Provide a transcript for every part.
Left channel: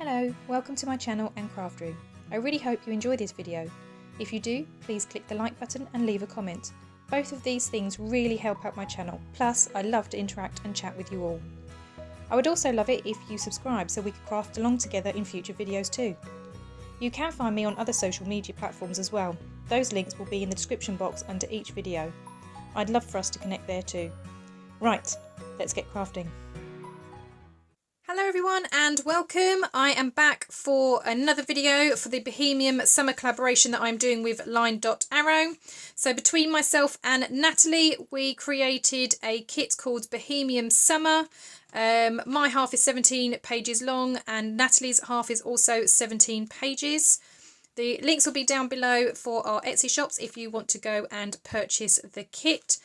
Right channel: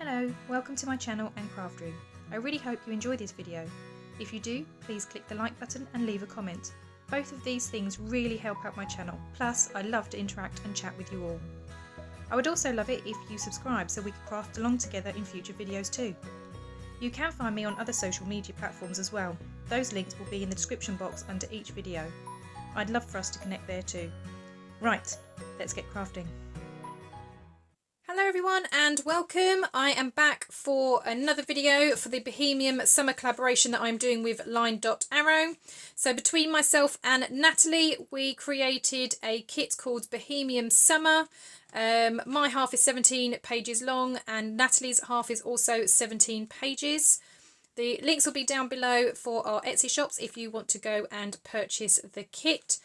Hello, welcome to my channel and craft room. I really hope you enjoy this video. If you do, please click the like button and leave a comment. Both of these things really help out my channel, plus I love to interact and chat with you all. I would also love it if you subscribe so we could craft along together in future videos too. You can find me on other social media platforms as well. Those links will be in the description box under each video. I'd love for us to connect there too. Right, let's get crafting. Hello everyone and welcome. I am back for another video for the Bohemian summer collaboration that I'm doing with LineDotArrow. So between myself and Natalie, we created a kit called Bohemian Summer. My half is 17 pages long and Natalie's half is also 17 pages. The links will be down below for our Etsy shops if you want to go and purchase the kit.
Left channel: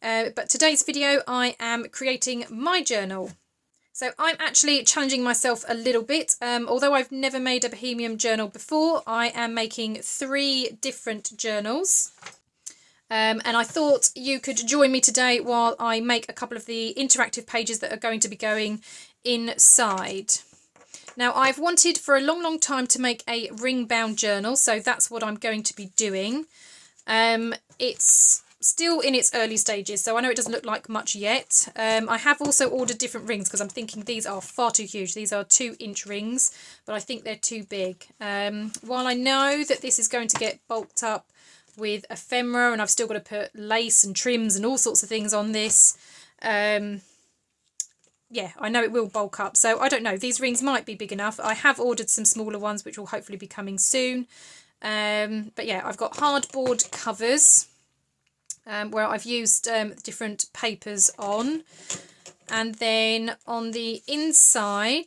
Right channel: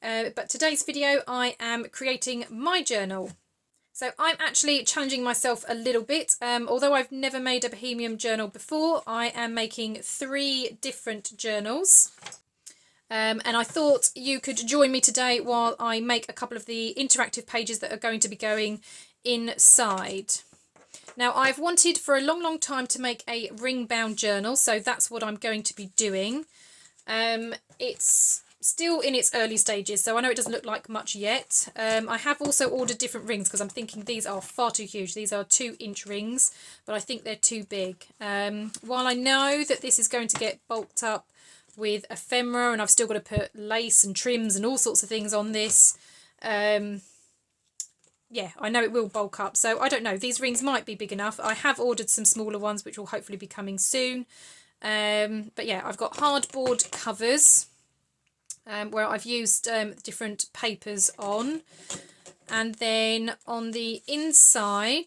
But today's video I am creating my journal. So I'm actually challenging myself a little bit. Although I've never made a Bohemian journal before, I am making 3 different journals. And I thought you could join me today while I make a couple of the interactive pages that are going to be going inside. Now I've wanted for a long time to make a ring bound journal, so that's what I'm going to be doing. It's still in its early stages, so I know it doesn't look like much yet. I have also ordered different rings because I'm thinking these are far too huge. These are 2-inch rings, but I think they're too big. While I know that this is going to get bulked up with ephemera and I've still got to put lace and trims and all sorts of things on this, yeah, I know it will bulk up, so I don't know. These rings might be big enough. I have ordered some smaller ones which will hopefully be coming soon. But yeah, I've got hardboard covers where I've used different papers on, and then on the inside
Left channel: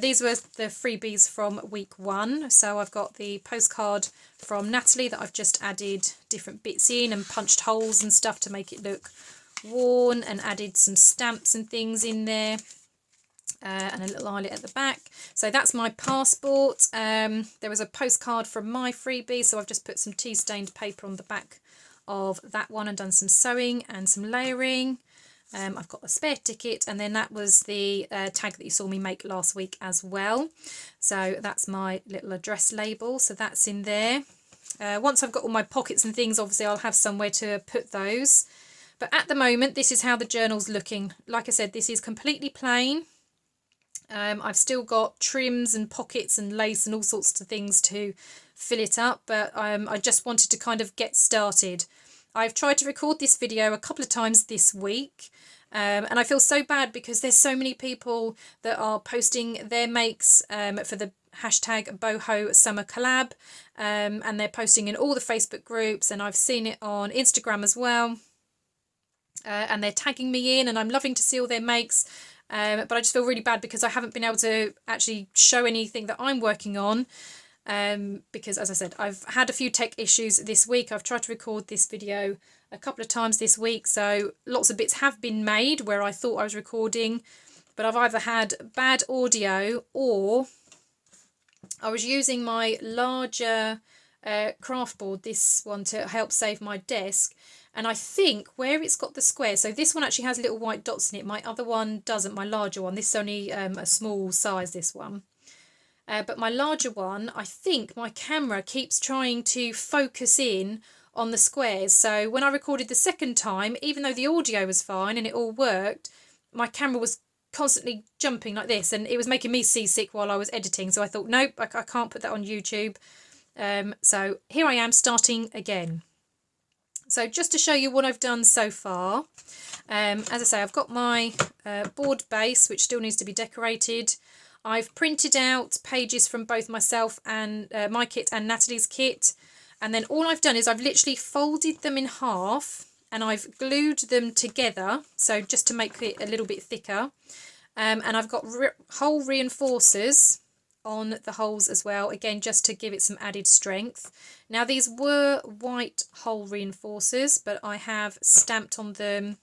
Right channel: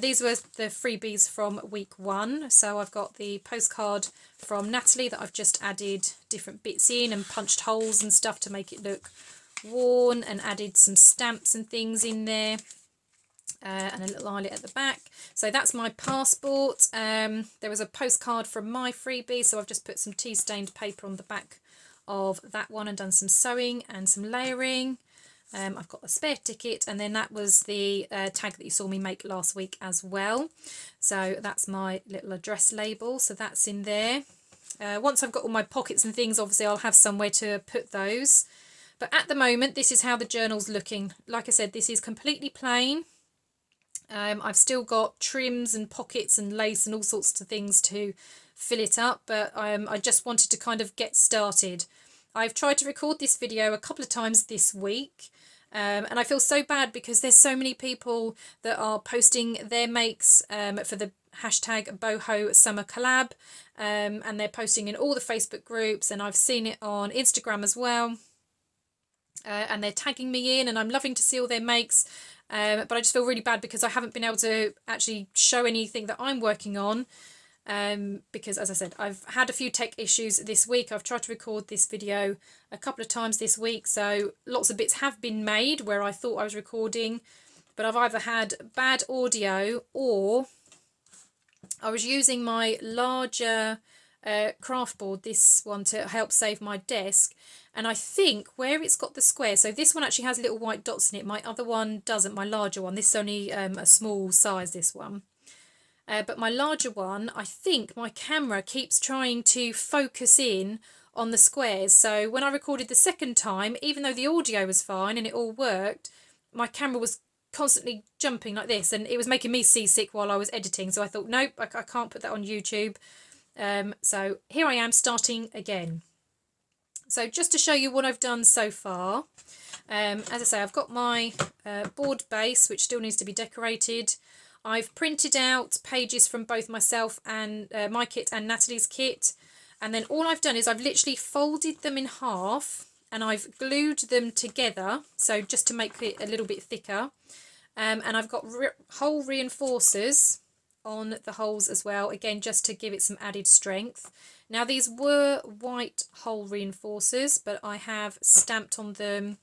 these were the freebies from week 1. So I've got the postcard from Natalie that I've just added different bits in and punched holes and stuff to make it look worn, and added some stamps and things in there, and a little eyelet at the back. So that's my passport. There was a postcard from my freebie, so I've just put some tea stained paper on the back of that one and done some sewing and some layering. I've got a spare ticket, and then that was the tag that you saw me make last week as well. So that's my little address label, so that's in there. Once I've got all my pockets and things, obviously I'll have somewhere to put those. But at the moment, this is how the journal's looking. Like I said, this is completely plain. I've still got trims and pockets and lace and all sorts of things to fill it up, but I just wanted to kind of get started. I've tried to record this video a couple of times this week, and I feel so bad because there's so many people that are posting their makes for the hashtag boho summer collab, and they're posting in all the Facebook groups, and I've seen it on Instagram as well, and they're tagging me in, and I'm loving to see all their makes. But I just feel really bad because I haven't been able to actually show anything that I'm working on, because as I said, I've had a few tech issues this week. I've tried to record this video a couple of times this week, so lots of bits have been made where I thought I was recording, but I've either had bad audio or I was using my larger craft board, this one, to help save my desk. And I think where it's got the square, so this one actually has little white dots in it. My other one doesn't, my larger one. This is only a small size, this one. But my larger one, I think my camera keeps trying to focus in on the squares. So when I recorded the second time, even though the audio was fine and it all worked, my camera was constantly jumping like this, and it was making me seasick while I was editing. So I thought, nope, I can't put that on YouTube. So here I am starting again. So just to show you what I've done so far, as I say, I've got my board base, which still needs to be decorated. I've printed out pages from both myself and my kit and Natalie's kit. And then all I've done is I've literally folded them in half and I've glued them together. So just to make it a little bit thicker. And I've got hole reinforcers on the holes as well, again just to give it some added strength. Now these were white hole reinforcers, but I have stamped on them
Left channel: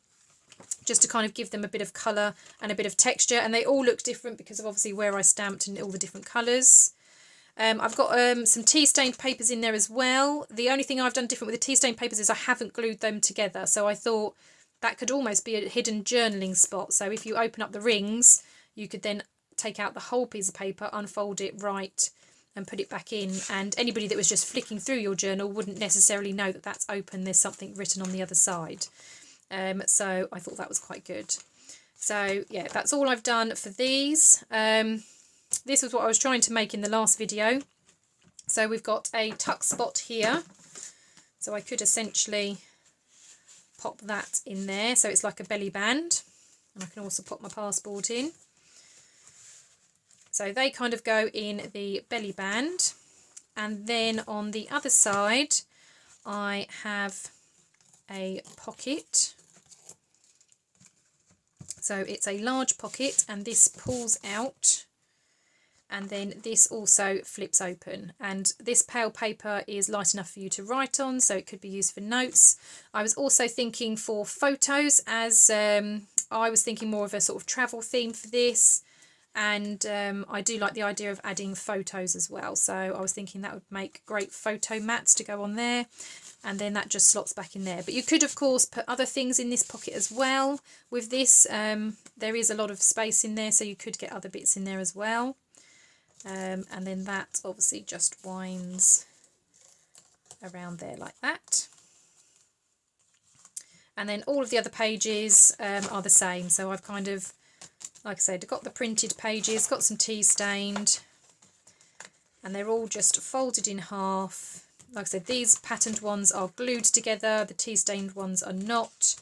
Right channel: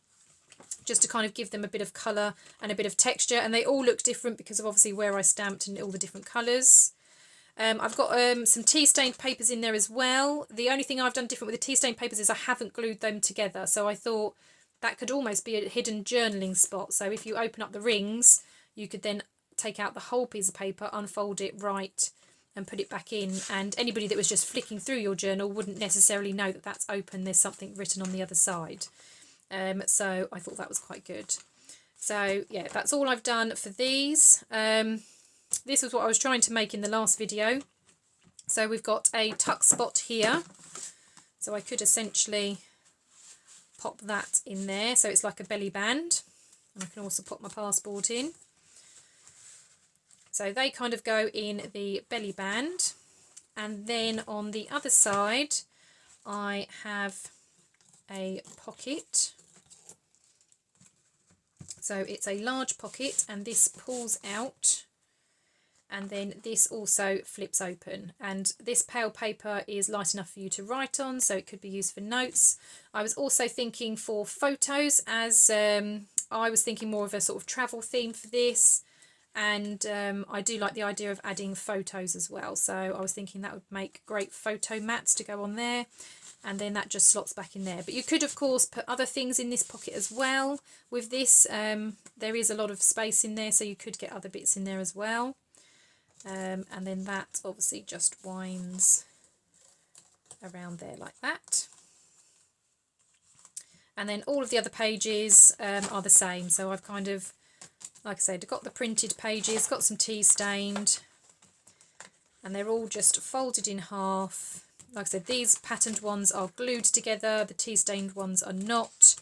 just to kind of give them a bit of colour and a bit of texture, and they all look different because of obviously where I stamped and all the different colours. I've got some tea stained papers in there as well. The only thing I've done different with the tea stained papers is I haven't glued them together, so I thought that could almost be a hidden journaling spot. So if you open up the rings, you could then take out the whole piece of paper, unfold it right and put it back in, and anybody that was just flicking through your journal wouldn't necessarily know that that's open, there's something written on the other side. So I thought that was quite good. So yeah, that's all I've done for these. This was what I was trying to make in the last video. So we've got a tuck spot here, so I could essentially pop that in there, so it's like a belly band, and I can also pop my passport in. So they kind of go in the belly band, and then on the other side I have a pocket. So it's a large pocket, and this pulls out, and then this also flips open, and this pale paper is light enough for you to write on, so it could be used for notes. I was also thinking for photos, as I was thinking more of a sort of travel theme for this, and I do like the idea of adding photos as well, so I was thinking that would make great photo mats to go on there, and then that just slots back in there. But you could of course put other things in this pocket as well. With this there is a lot of space in there, so you could get other bits in there as well. And then that obviously just winds around there like that. And then all of the other pages are the same. So I've kind of, like I said, got the printed pages, got some tea stained, and they're all just folded in half. Like I said, these patterned ones are glued together, the tea stained ones are not.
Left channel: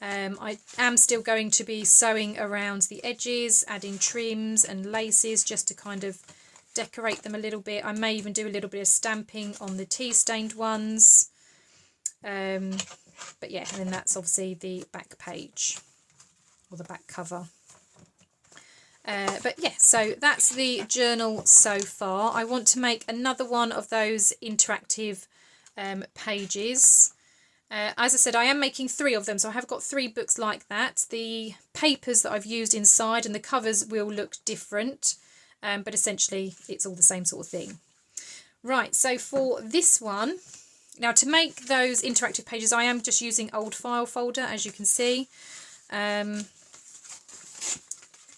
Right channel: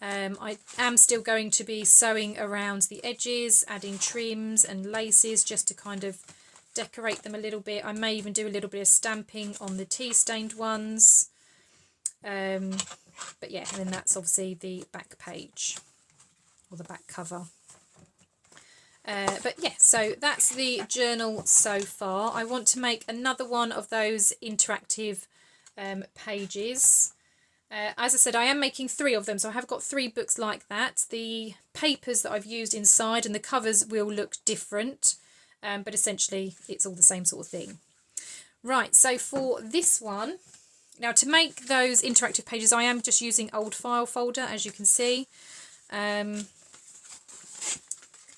I am still going to be sewing around the edges, adding trims and laces just to kind of decorate them a little bit. I may even do a little bit of stamping on the tea stained ones. But yeah, and then that's obviously the back page or the back cover. But yeah, so that's the journal so far. I want to make another one of those interactive pages. As I said, I am making 3 of them, so I have got 3 books like that. The papers that I've used inside and the covers will look different, but essentially it's all the same sort of thing. Right, so for this one, now to make those interactive pages, I am just using old file folder, as you can see.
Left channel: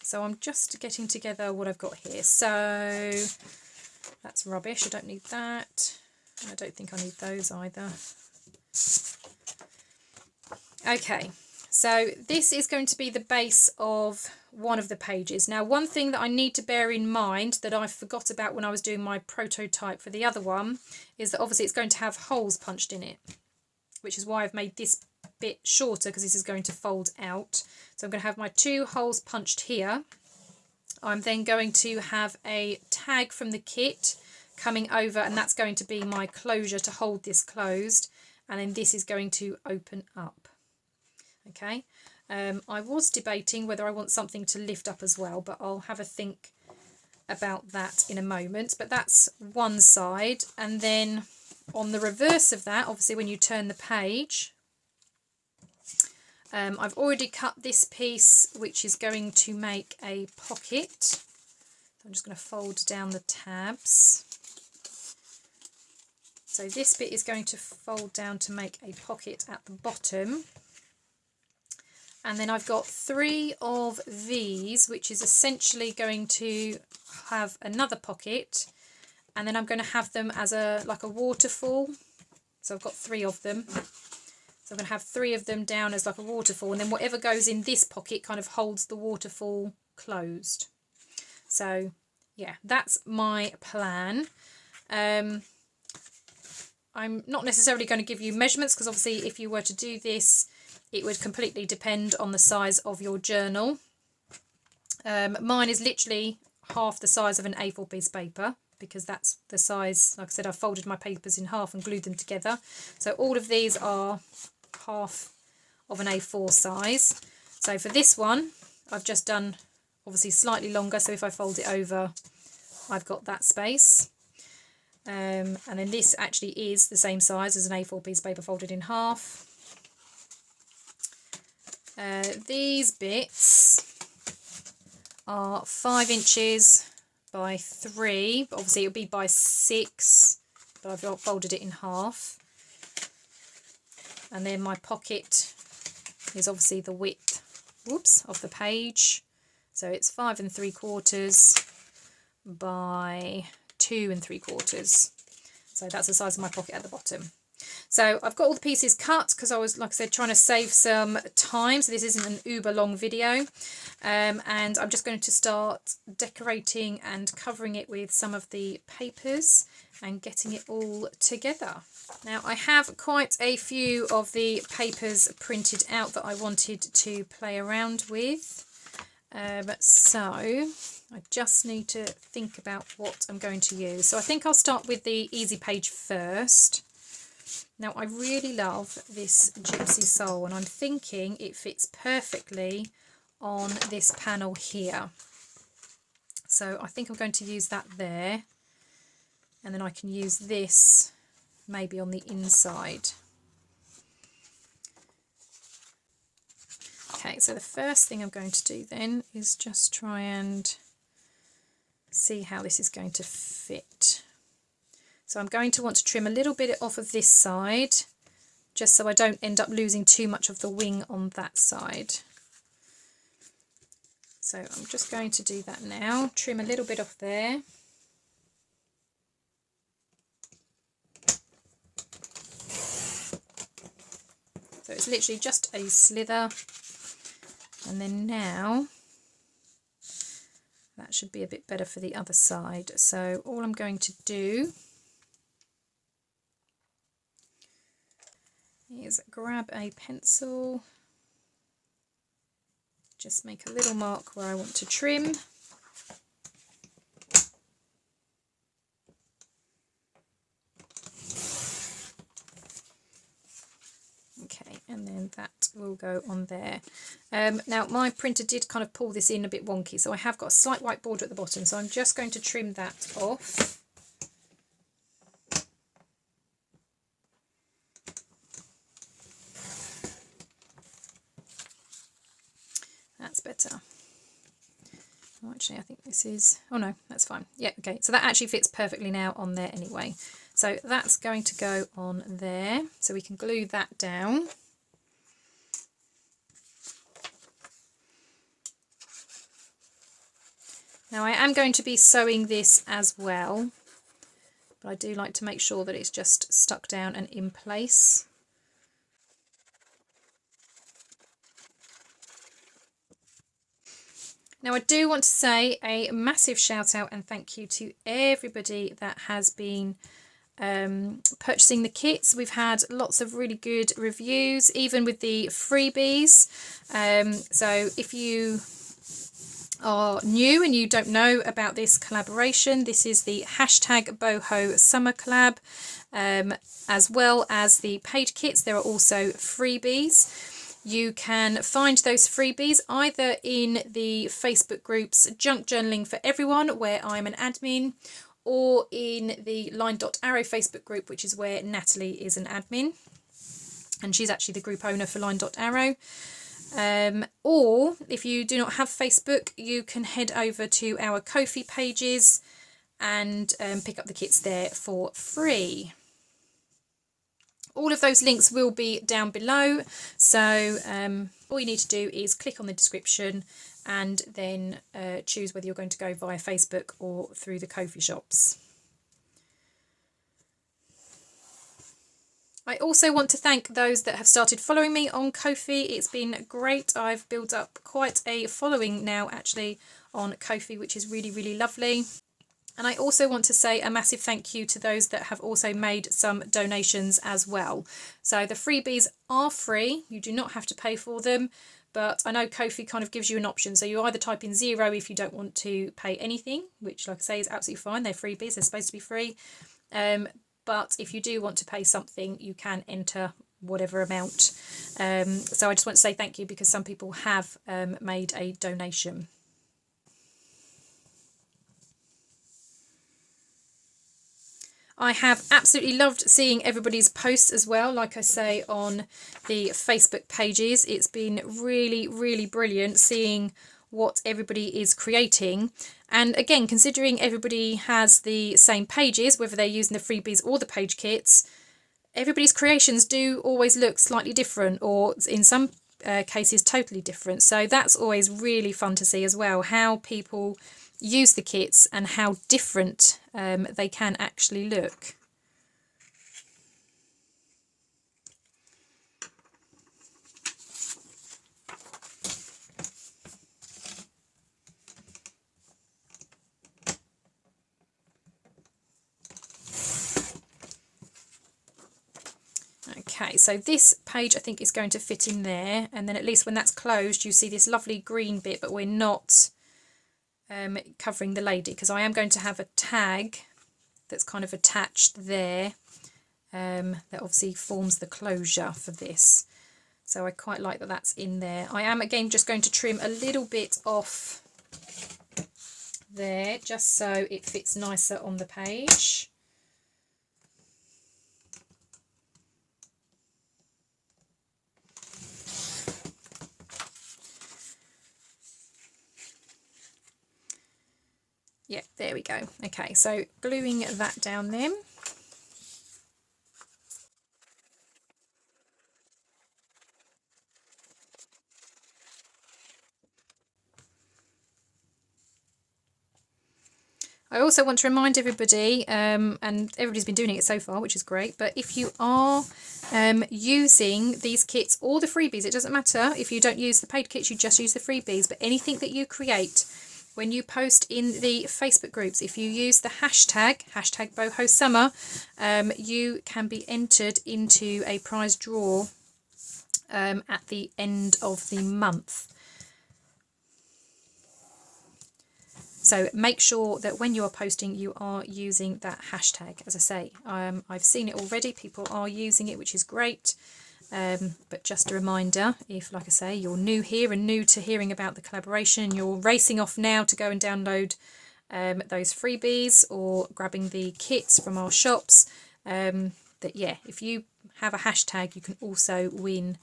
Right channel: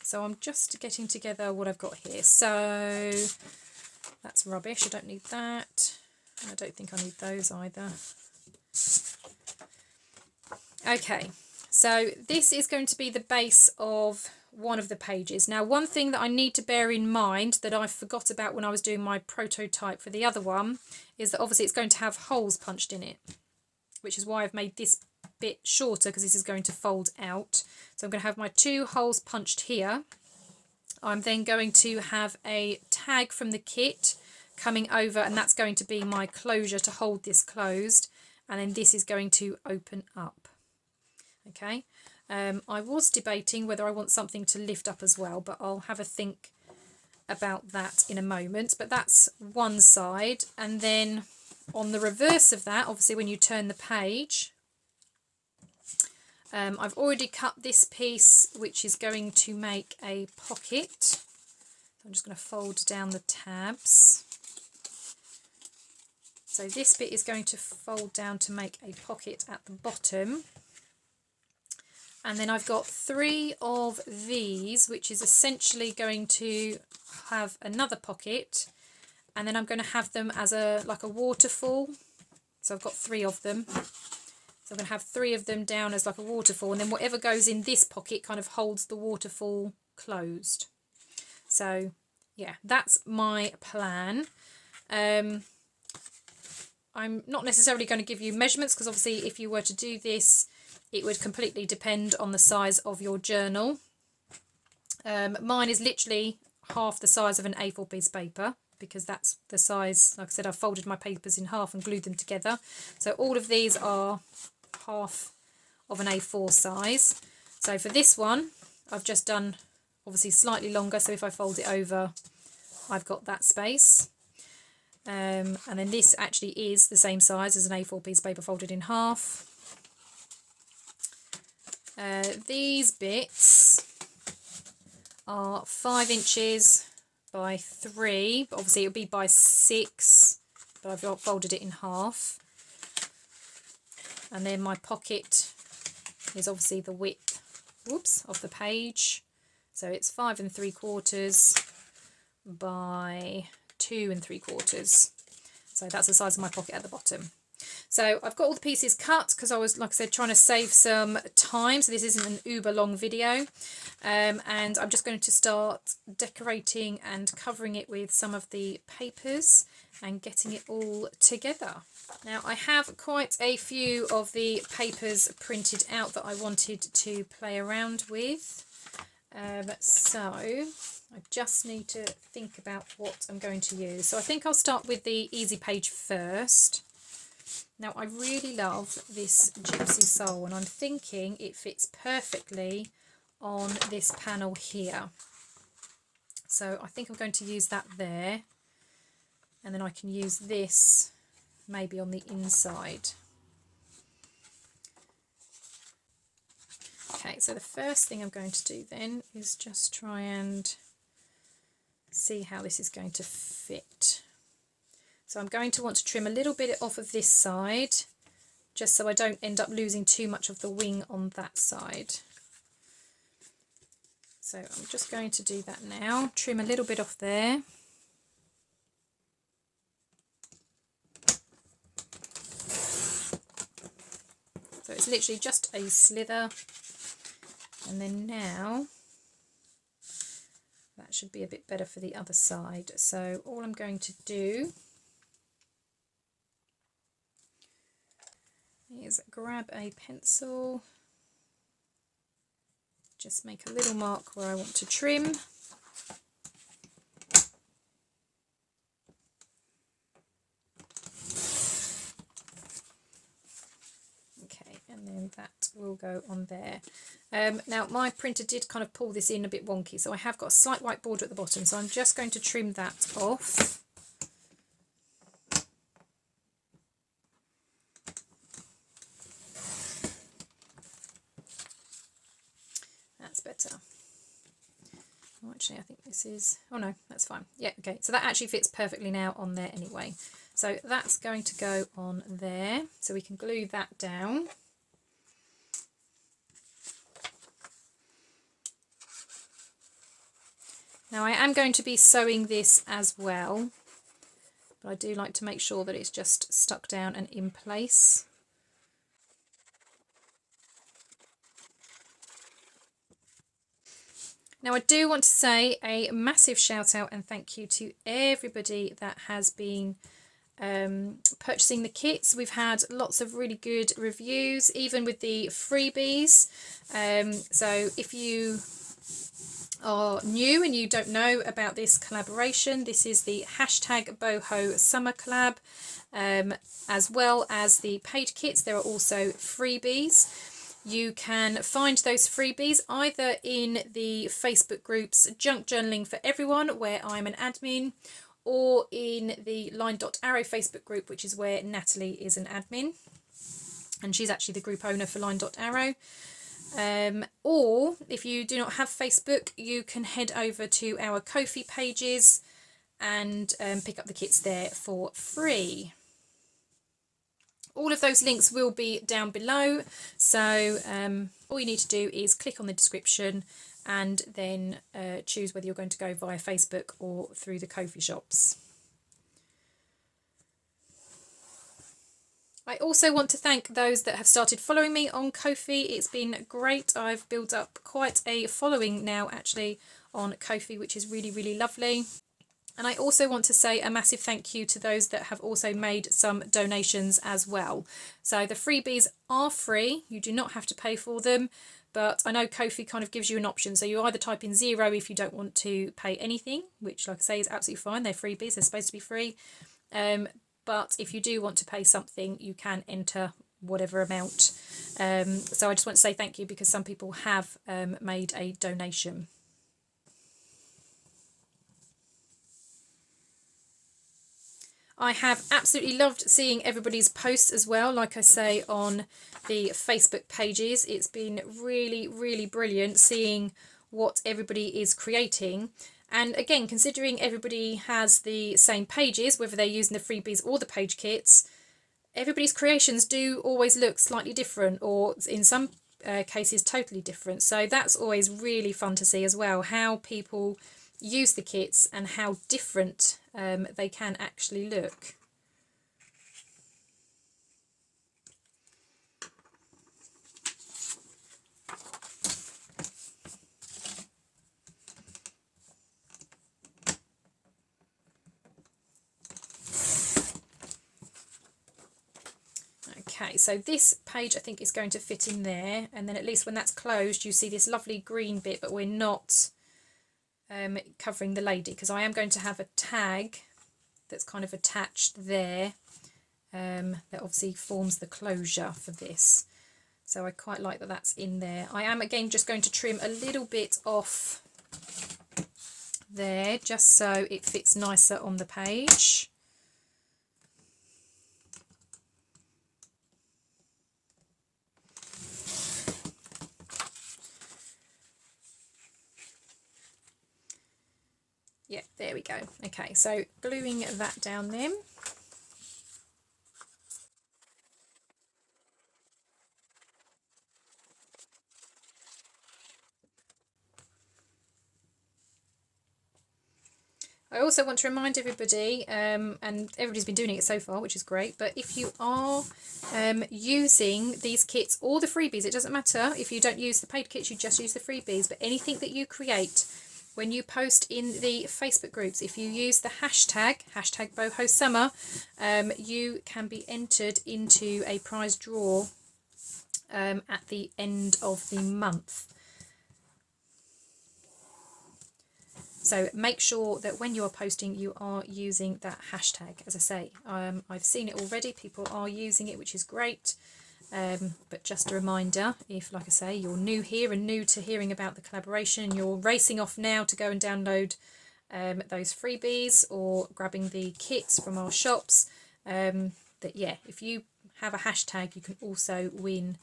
So I'm just getting together what I've got here. So that's rubbish, I don't need that. I don't think I need those either. Okay, so this is going to be the base of one of the pages. Now, one thing that I need to bear in mind that I forgot about when I was doing my prototype for the other one is that obviously it's going to have holes punched in it, which is why I've made this bit shorter, because this is going to fold out. So I'm going to have my 2 holes punched here. I'm then going to have a tag from the kit coming over, and that's going to be my closure to hold this closed, and then this is going to open up. Okay, I was debating whether I want something to lift up as well, but I'll have a think about that in a moment. But that's one side, and then on the reverse of that, obviously when you turn the page, I've already cut this piece, which is going to make a pocket. So I'm just going to fold down the tabs. So this bit is going to fold down to make a pocket at the bottom. And then I've got 3 of these, which is essentially going to have another pocket. And then I'm going to have them as like a waterfall. So I've got 3 of them. So I'm going to have 3 of them down as like a waterfall. And then whatever goes in this pocket kind of holds the waterfall closed. So yeah, that's my plan. I'm not necessarily going to give you measurements, because obviously if you were to do this, it would completely depend on the size of your journal. Mine is literally half the size of an A4 piece of paper, because that's the size. Like I said, I've folded my papers in half and glued them together. So all of these are half of an A4 size. So for this one, I've just done obviously slightly longer. So if I fold it over, I've got that space. And then this actually is the same size as an A4 piece of paper folded in half. These bits are 5 inches by 3, but obviously it'll be by 6, but I've folded it in half. And then my pocket is obviously the width, of the page. So it's 5 3/4 by 2 3/4. So that's the size of my pocket at the bottom. So I've got all the pieces cut because I was, like I said, trying to save some time. So this isn't an uber long video. And I'm just going to start decorating and covering it with some of the papers and getting it all together. Now I have quite a few of the papers printed out that I wanted to play around with. So I just need to think about what I'm going to use. So I think I'll start with the easy page first. Now I really love this Gypsy Soul, and I'm thinking it fits perfectly on this panel here. So I think I'm going to use that there, and then I can use this maybe on the inside. Okay, so the first thing I'm going to do then is just try and see how this is going to fit. So I'm going to want to trim a little bit off of this side, just so I don't end up losing too much of the wing on that side. So I'm just going to do that now, trim a little bit off there. So it's literally just a slither, and then now that should be a bit better for the other side. So all I'm going to do is grab a pencil, just make a little mark where I want to trim. Okay, and then that will go on there. Now my printer did kind of pull this in a bit wonky, so I have got a slight white border at the bottom, so I'm just going to trim that off. That's better. Oh, actually, I think this is, oh no, that's fine. Yeah, okay, so that actually fits perfectly now on there anyway. So that's going to go on there, so we can glue that down. Now I am going to be sewing this as well, but I do like to make sure that it's just stuck down and in place. Now I do want to say a massive shout out and thank you to everybody that has been purchasing the kits. We've had lots of really good reviews, even with the freebies. So if you are new and you don't know about this collaboration, this is the hashtag Boho Summer Collab, as well as the paid kits. There are also freebies. You can find those freebies either in the Facebook groups Junk Journaling for Everyone, where I'm an admin, or in the LineDotArrow Facebook group, which is where Nathalie is an admin, and she's actually the group owner for LineDotArrow. Or if you do not have Facebook, you can head over to our Kofi pages and pick up the kits there for free. All of those links will be down below, so all you need to do is click on the description and then choose whether you're going to go via Facebook or through the Kofi shops. I also want to thank those that have started following me on Kofi. It's been great. I've built up quite a following now actually on Kofi, which is really, really lovely. And I also want to say a massive thank you to those that have also made some donations as well. So the freebies are free. You do not have to pay for them. But I know Kofi kind of gives you an option. So you either type in 0 if you don't want to pay anything, which like I say is absolutely fine. They're freebies. They're supposed to be free. But if you do want to pay something, you can enter whatever amount. So I just want to say thank you because some people have made a donation. I have absolutely loved seeing everybody's posts as well. Like I say, on the Facebook pages, it's been really, really brilliant seeing what everybody is creating. And again, considering everybody has the same pages, whether they're using the freebies or the page kits, everybody's creations do always look slightly different, or in some case is totally different. So that's always really fun to see as well, how people use the kits and how different they can actually look. Okay, so this page I think is going to fit in there, and then at least when that's closed you see this lovely green bit, but we're not covering the lady, because I am going to have a tag that's kind of attached there that obviously forms the closure for this. So I quite like that that's in there. I am again just going to trim a little bit off there just so it fits nicer on the page. Yeah, there we go. Okay, so gluing that down then. I also want to remind everybody, and everybody's been doing it so far, which is great, but if you are using these kits or the freebies, it doesn't matter if you don't use the paid kits, you just use the freebies, but anything that you create when you post in the Facebook groups, if you use the hashtag #BohoSummer, you can be entered into a prize draw at the end of the month. So make sure that when you are posting, you are using that hashtag. As I say, I've seen it already. People are using it, which is great. But just a reminder, if, like I say, you're new here and new to hearing about the collaboration, you're racing off now to go and download those freebies or grabbing the kits from our shops, that, yeah, if you have a hashtag, you can also win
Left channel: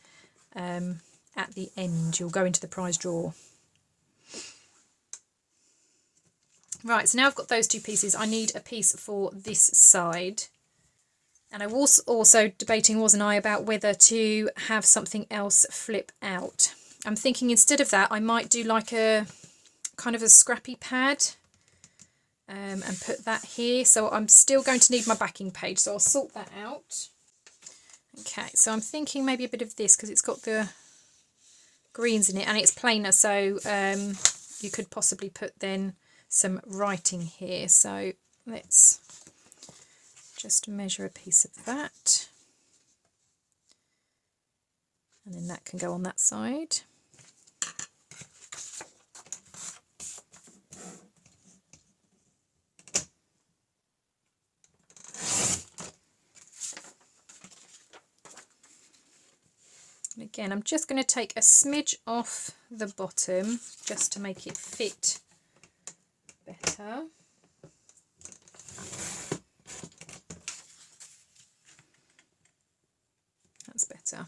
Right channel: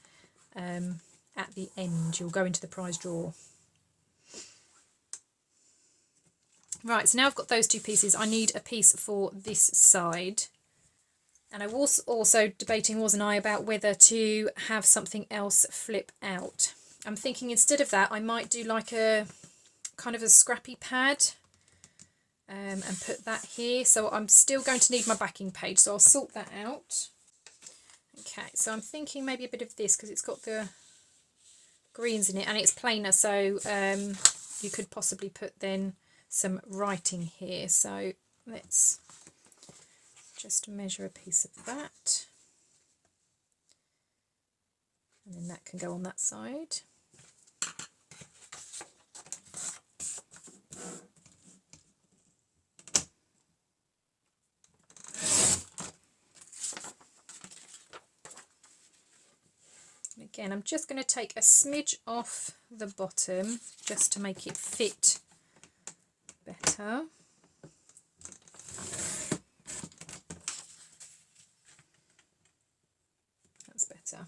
at the end. You'll go into the prize draw. Right, so now I've got those two pieces. I need a piece for this side. And I was also debating, wasn't I, about whether to have something else flip out. I'm thinking instead of that, I might do like a kind of a scrappy pad and put that here. So I'm still going to need my backing page, so I'll sort that out. Okay, so I'm thinking maybe a bit of this because it's got the greens in it and it's plainer, so you could possibly put then some writing here. So let's just measure a piece of that, and then that can go on that side. And again, I'm just going to take a smidge off the bottom just to make it fit better. That's better.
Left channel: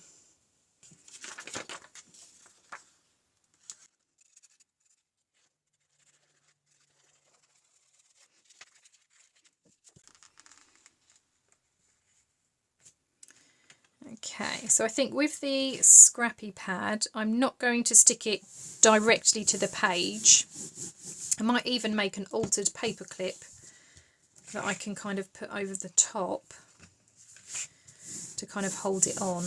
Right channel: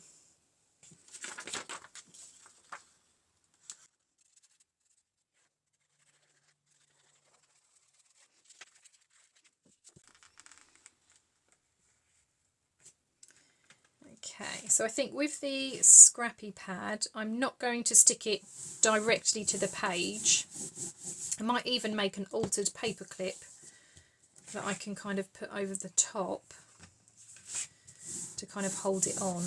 Okay, so I think with the scrappy pad, I'm not going to stick it directly to the page. I might even make an altered paper clip that I can kind of put over the top to kind of hold it on.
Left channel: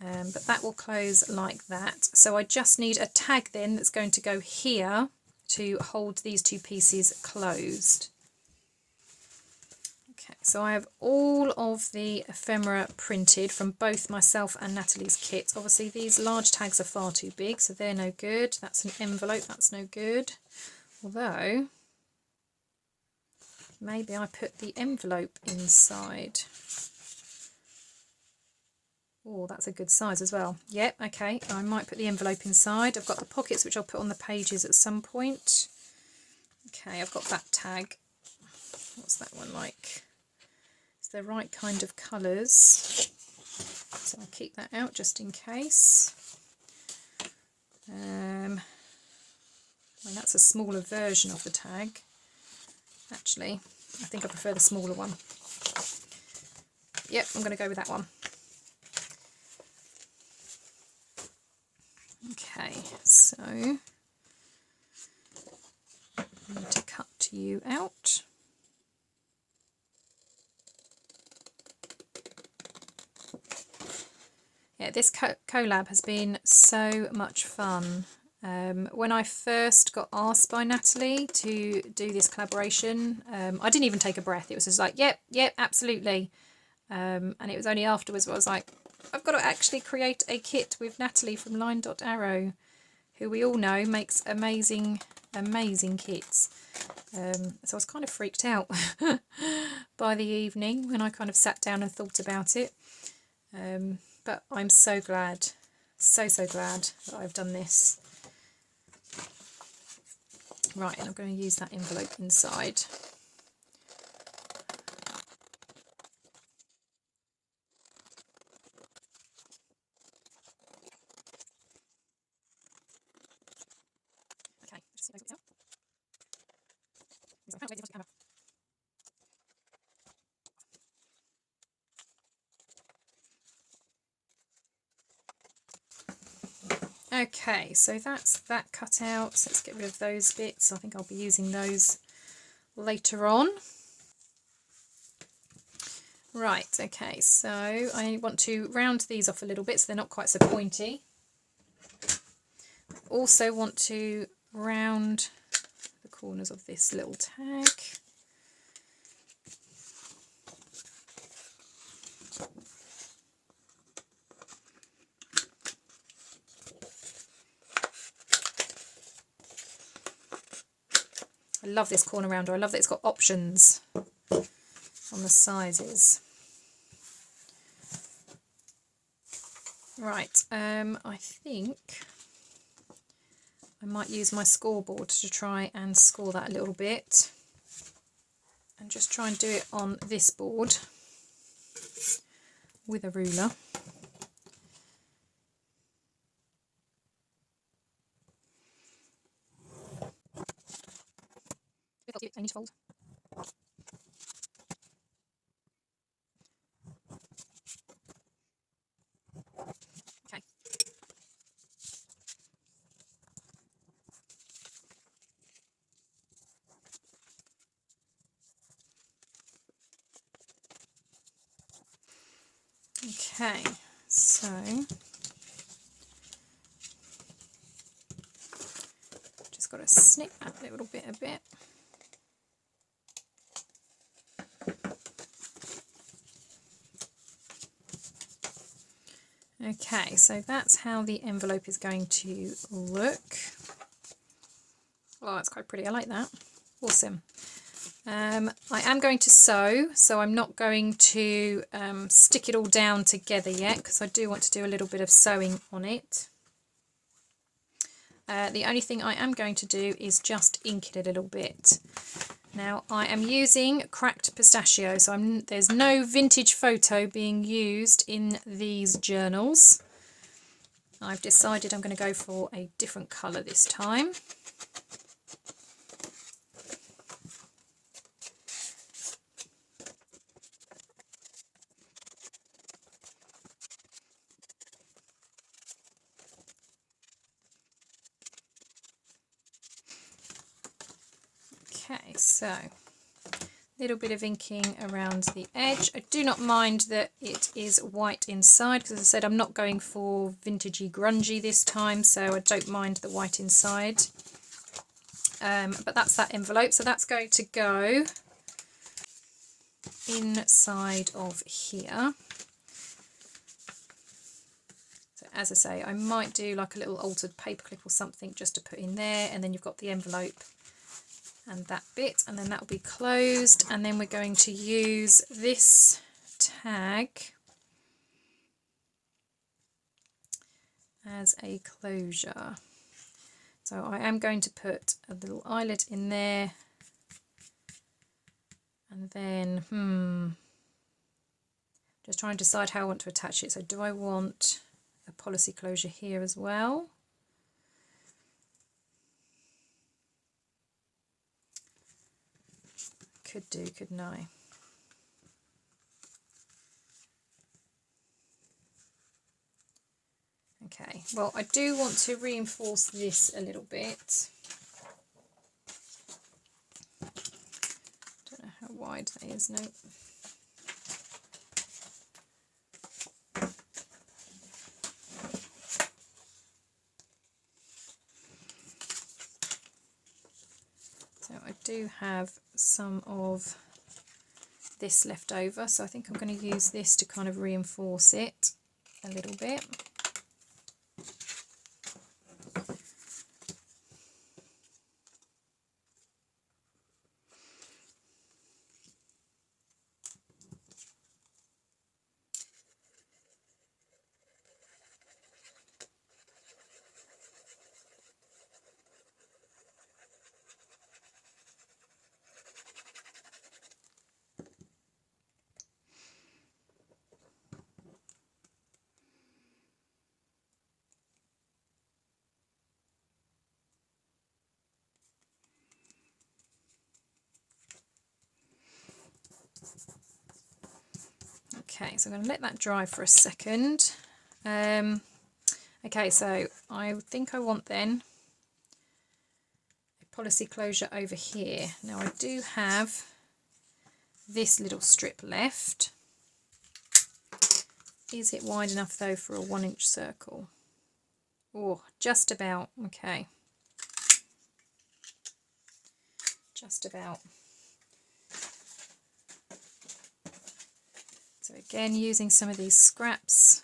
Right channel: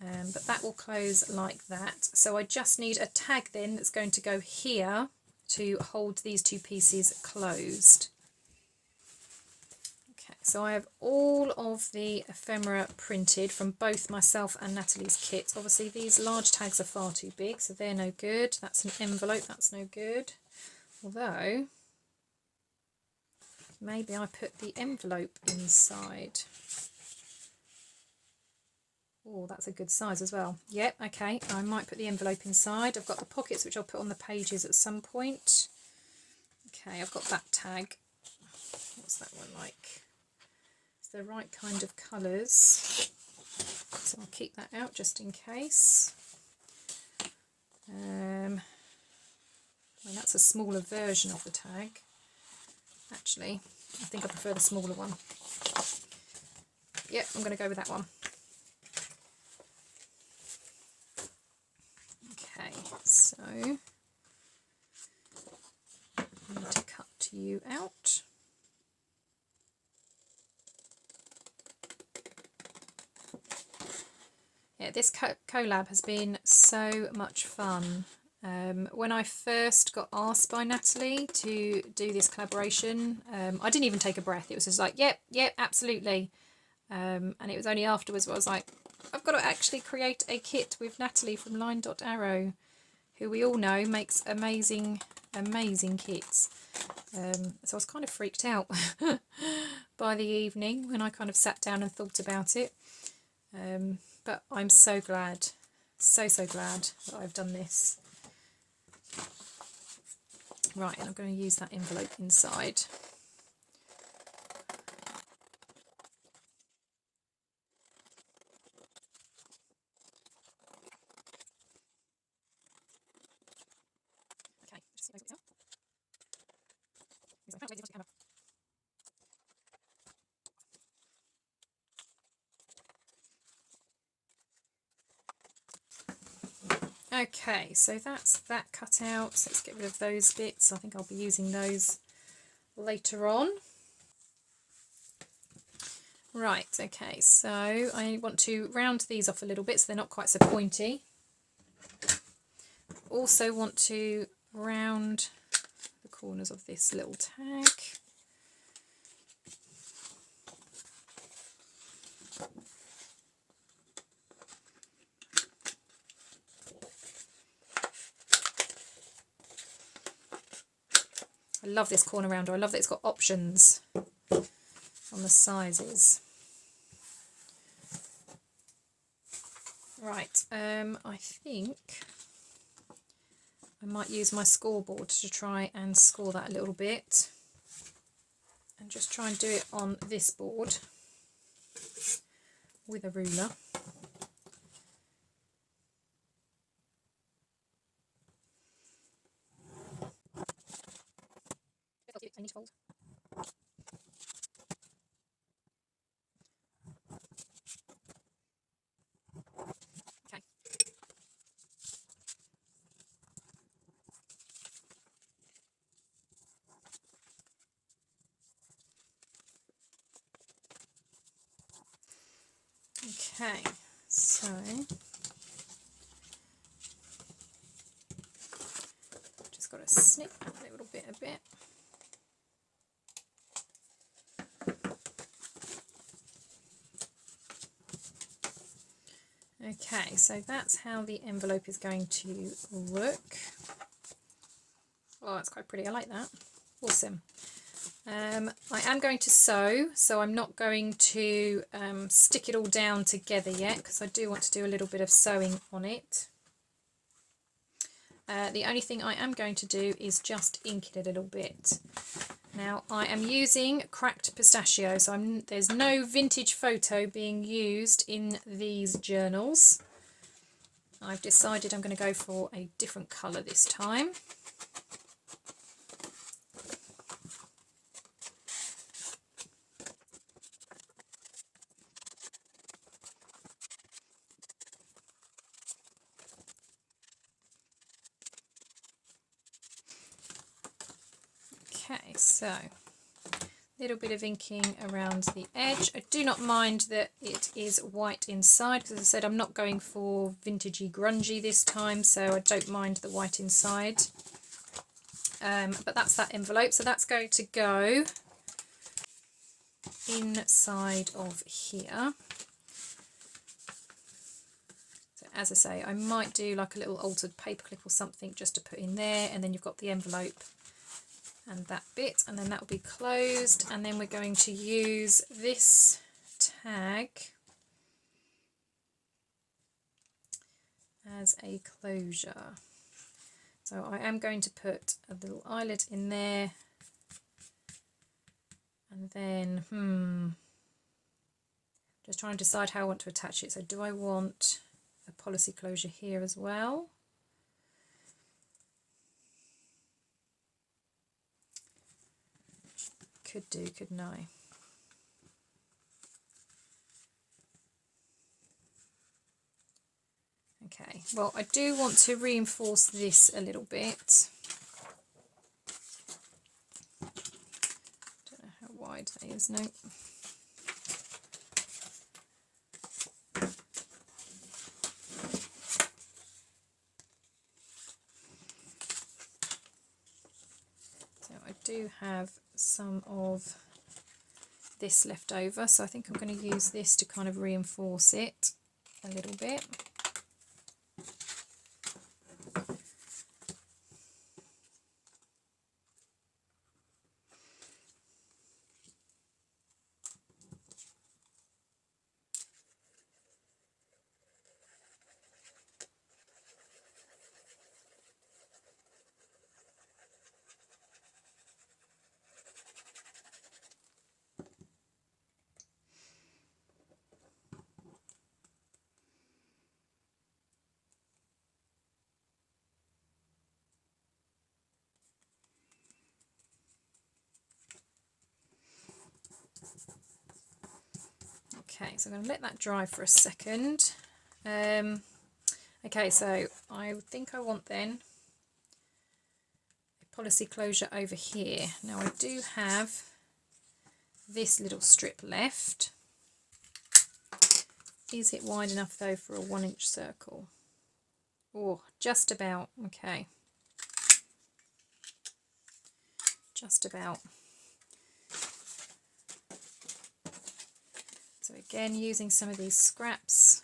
But that will close like that. So I just need a tag then that's going to go here to hold these two pieces closed. Okay, so I have all of the ephemera printed from both myself and Nathalie's kit. Obviously these large tags are far too big, so they're no good. That's an envelope, that's no good. Although, maybe I put the envelope inside. Oh, that's a good size as well. Yep, okay, I might put the envelope inside. I've got the pockets, which I'll put on the pages at some point. Okay, I've got that tag. What's that one like? It's the right kind of colours. So I'll keep that out just in case. Well, that's a smaller version of the tag. Actually, I think I prefer the smaller one. Yep, I'm going to go with that one. Okay, so I need to cut you out. Yeah, this collab has been so much fun. When I first got asked by Nathalie to do this collaboration, I didn't even take a breath. It was just like, yep, absolutely. And it was only afterwards where I was like, I've got to actually create a kit with Nathalie from LineDotArrow, who we all know makes amazing kits. So I was kind of freaked out by the evening when I kind of sat down and thought about it. But I'm so glad, so glad that I've done this. Right, and I'm going to use that envelope inside. Okay, just close it out. Okay, so that's that cut out. So let's get rid of those bits. I think I'll be using those later on. Right, okay, so I want to round these off a little bit so they're not quite so pointy. Also want to round the corners of this little tag. I love this corner rounder. I love that it's got options on the sizes. Right, I think I might use my scoreboard to try and score that a little bit. And just try and do it on this board with a ruler. I need to fold. Okay. Okay, so just got to snip that little bit a bit. Okay, so that's how the envelope is going to look. Oh, that's quite pretty. I like that. Awesome. I am going to sew, so I'm not going to stick it all down together yet because I do want to do a little bit of sewing on it. The only thing I am going to do is just ink it a little bit. Now I am using cracked pistachio, so there's no vintage photo being used in these journals. I've decided I'm going to go for a different colour this time. Okay, so a little bit of inking around the edge. I do not mind that it is white inside because, as I said, I'm not going for vintagey grungy this time, so I don't mind the white inside. But that's that envelope, so that's going to go inside of here. So as I say, I might do like a little altered paperclip or something just to put in there, and then you've got the envelope and that bit, and then that will be closed, and then we're going to use this tag as a closure. So I am going to put a little eyelet in there, and then just trying to decide how I want to attach it. So do I want a policy closure here as well? Could do, couldn't I? Okay, Okay, well, I do want to reinforce this a little bit. Don't know how wide that is, no. So I do have some of this left over, so I think I'm going to use this to kind of reinforce it a little bit. Okay, so I'm going to let that dry for a second. Okay, so I think I want then a policy closure over here. Now I do have this little strip left. Is it wide enough though for a 1-inch circle? Oh, just about. Okay. Just about. So again, using some of these scraps.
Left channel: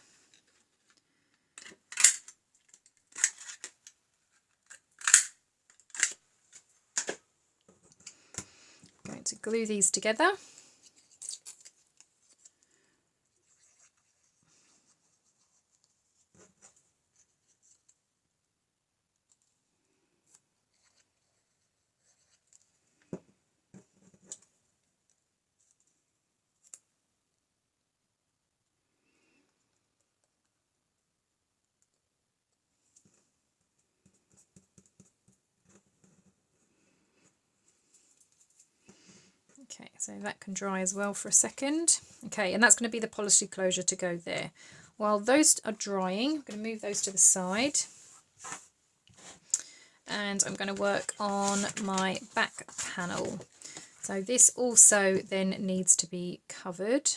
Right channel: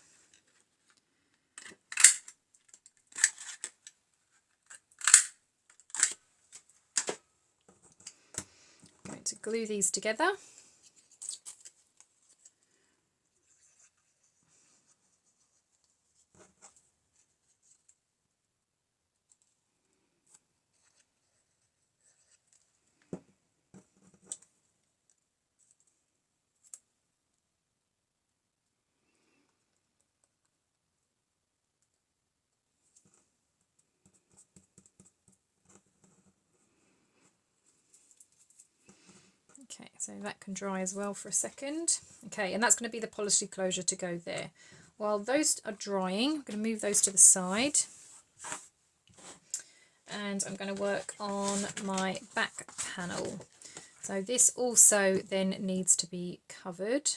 I'm going to glue these together. Okay, so that can dry as well for a second. Okay, and that's going to be the policy closure to go there. While those are drying, I'm going to move those to the side. And I'm going to work on my back panel. So this also then needs to be covered.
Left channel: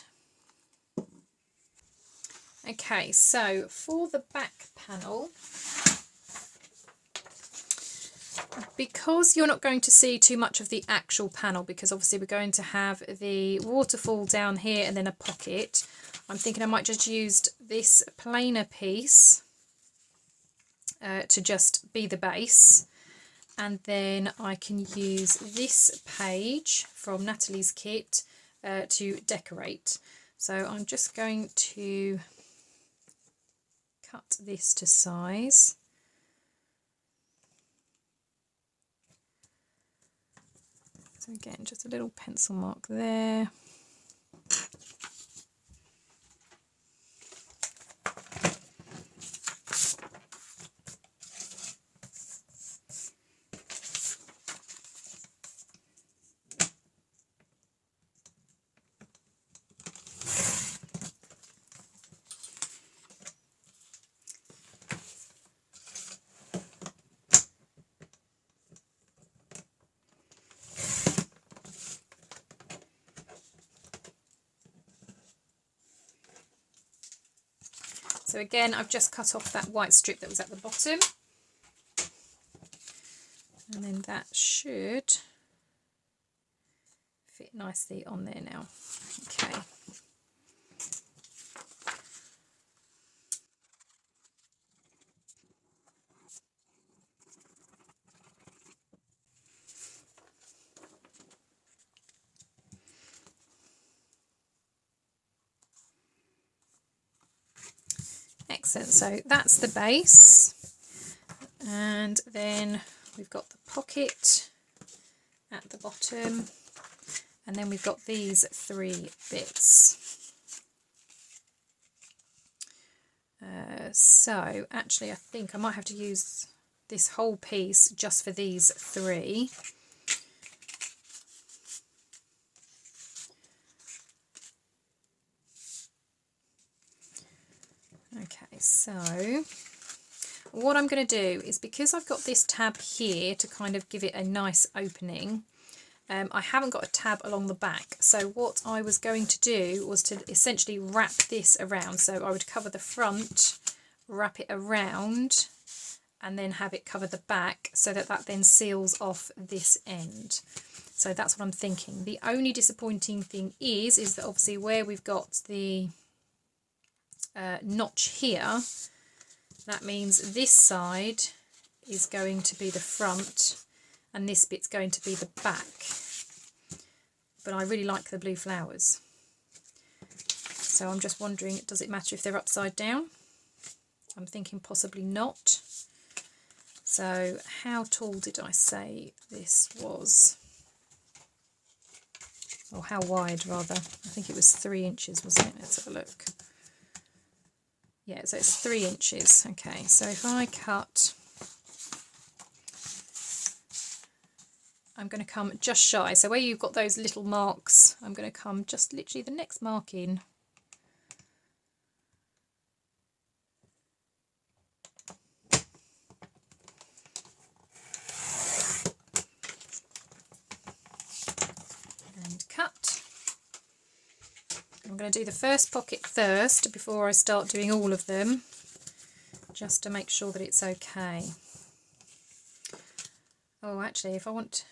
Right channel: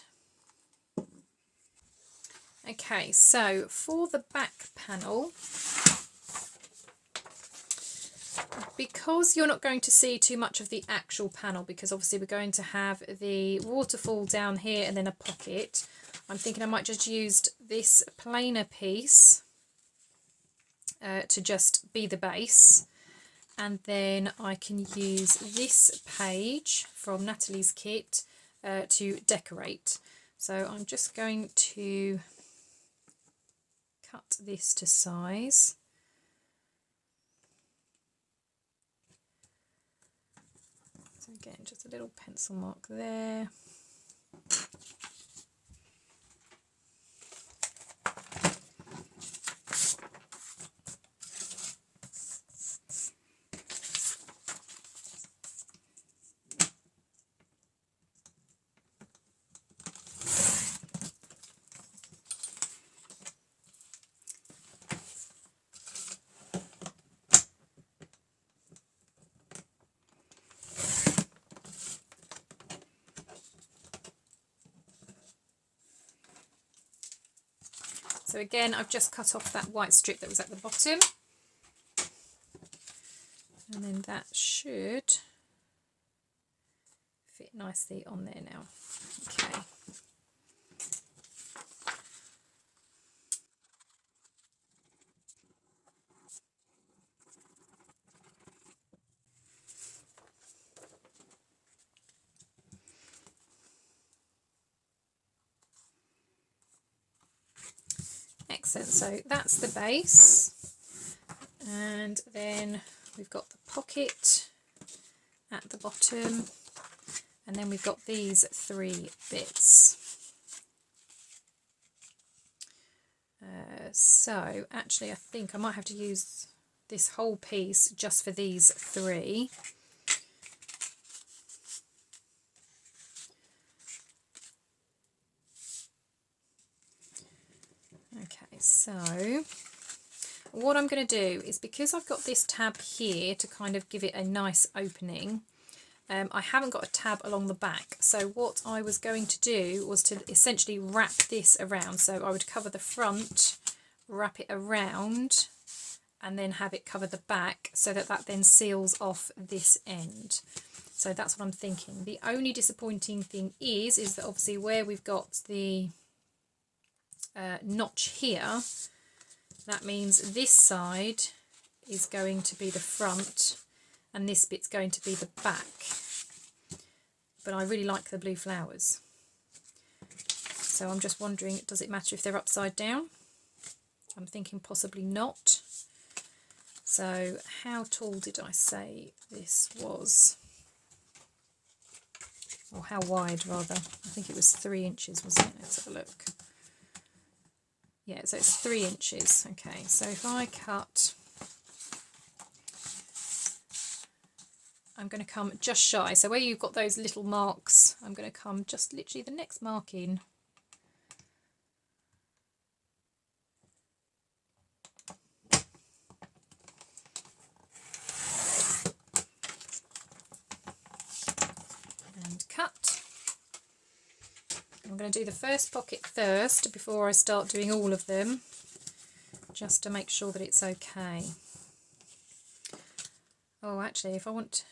Okay, so for the back panel, because you're not going to see too much of the actual panel, because obviously we're going to have the waterfall down here and then a pocket, I'm thinking I might just use this plainer piece to just be the base, and then I can use this page from Nathalie's kit to decorate. So I'm just going to cut this to size. So again, just a little pencil mark there. So again, I've just cut off that white strip that was at the bottom. And then that should fit nicely on there now. Okay. Excellent, so that's the base, and then we've got the pocket at the bottom, and then we've got these 3 bits. So actually I think I might have to use this whole piece just for these 3. Okay, so what I'm going to do is, because I've got this tab here to kind of give it a nice opening, I haven't got a tab along the back. So what I was going to do was to essentially wrap this around. So I would cover the front, wrap it around, and then have it cover the back, so that that then seals off this end. So that's what I'm thinking. The only disappointing thing is that obviously where we've got the notch here, that means this side is going to be the front and this bit's going to be the back. But I really like the blue flowers. So I'm just wondering, does it matter if they're upside down? I'm thinking possibly not. So how tall did I say this was? Or how wide rather? I think it was 3 inches, wasn't it? Let's have a look. Yeah, so it's 3 inches. Okay, so if I cut, I'm going to come just shy. So where you've got those little marks, I'm going to come just literally the next mark in. And cut. I'm going to do the first pocket first before I start doing all of them, just to make sure that it's okay. Oh, actually, if I want,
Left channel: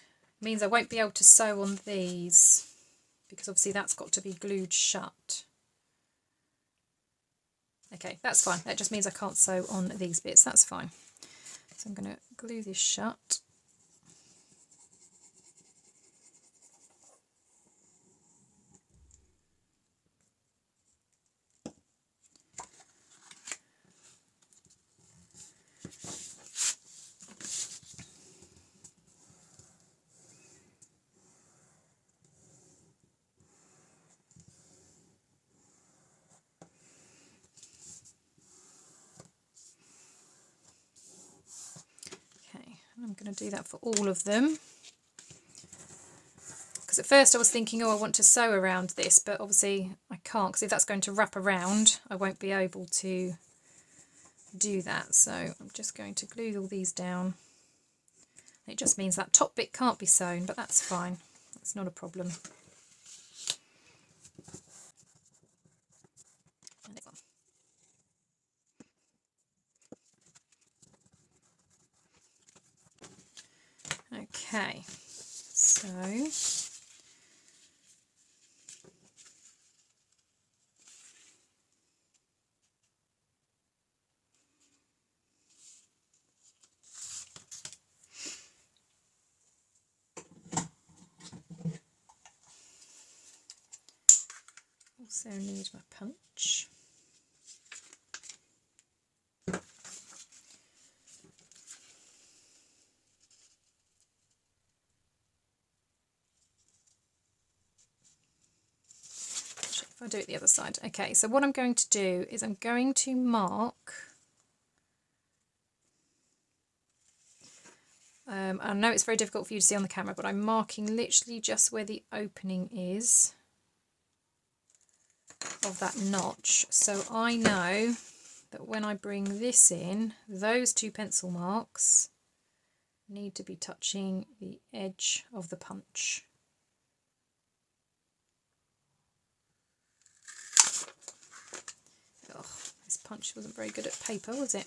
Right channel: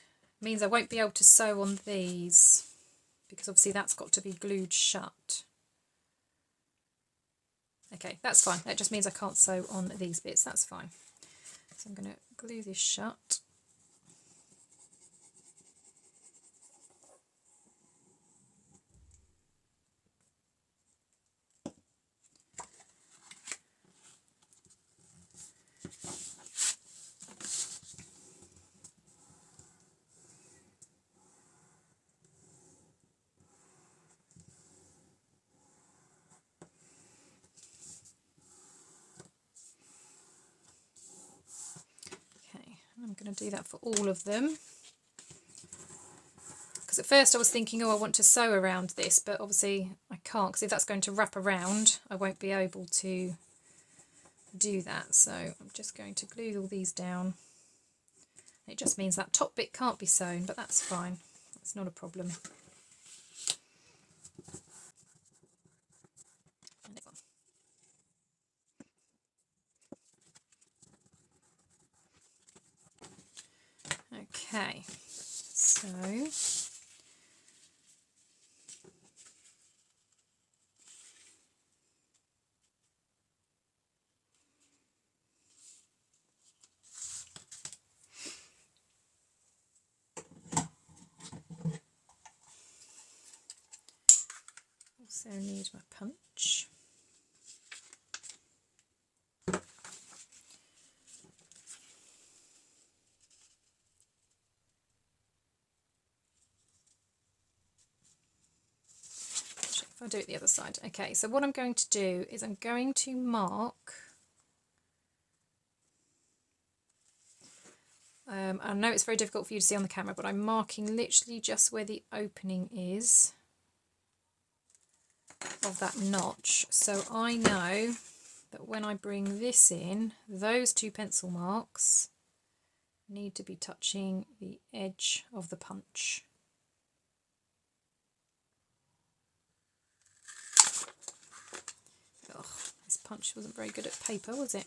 means I won't be able to sew on these, because obviously that's got to be glued shut. Okay, that's fine. That just means I can't sew on these bits. That's fine. So I'm going to glue this shut. I'm going to do that for all of them, because at first I was thinking, oh, I want to sew around this, but obviously I can't, because if that's going to wrap around I won't be able to do that. So I'm just going to glue all these down. It just means that top bit can't be sewn, but that's fine, that's not a problem. Okay, so also need my punch. If I do it the other side. Okay, so what I'm going to do is I'm going to mark, I know it's very difficult for you to see on the camera, but I'm marking literally just where the opening is of that notch. So I know that when I bring this in, those 2 pencil marks need to be touching the edge of the punch. Oh, this punch wasn't very good at paper, was it?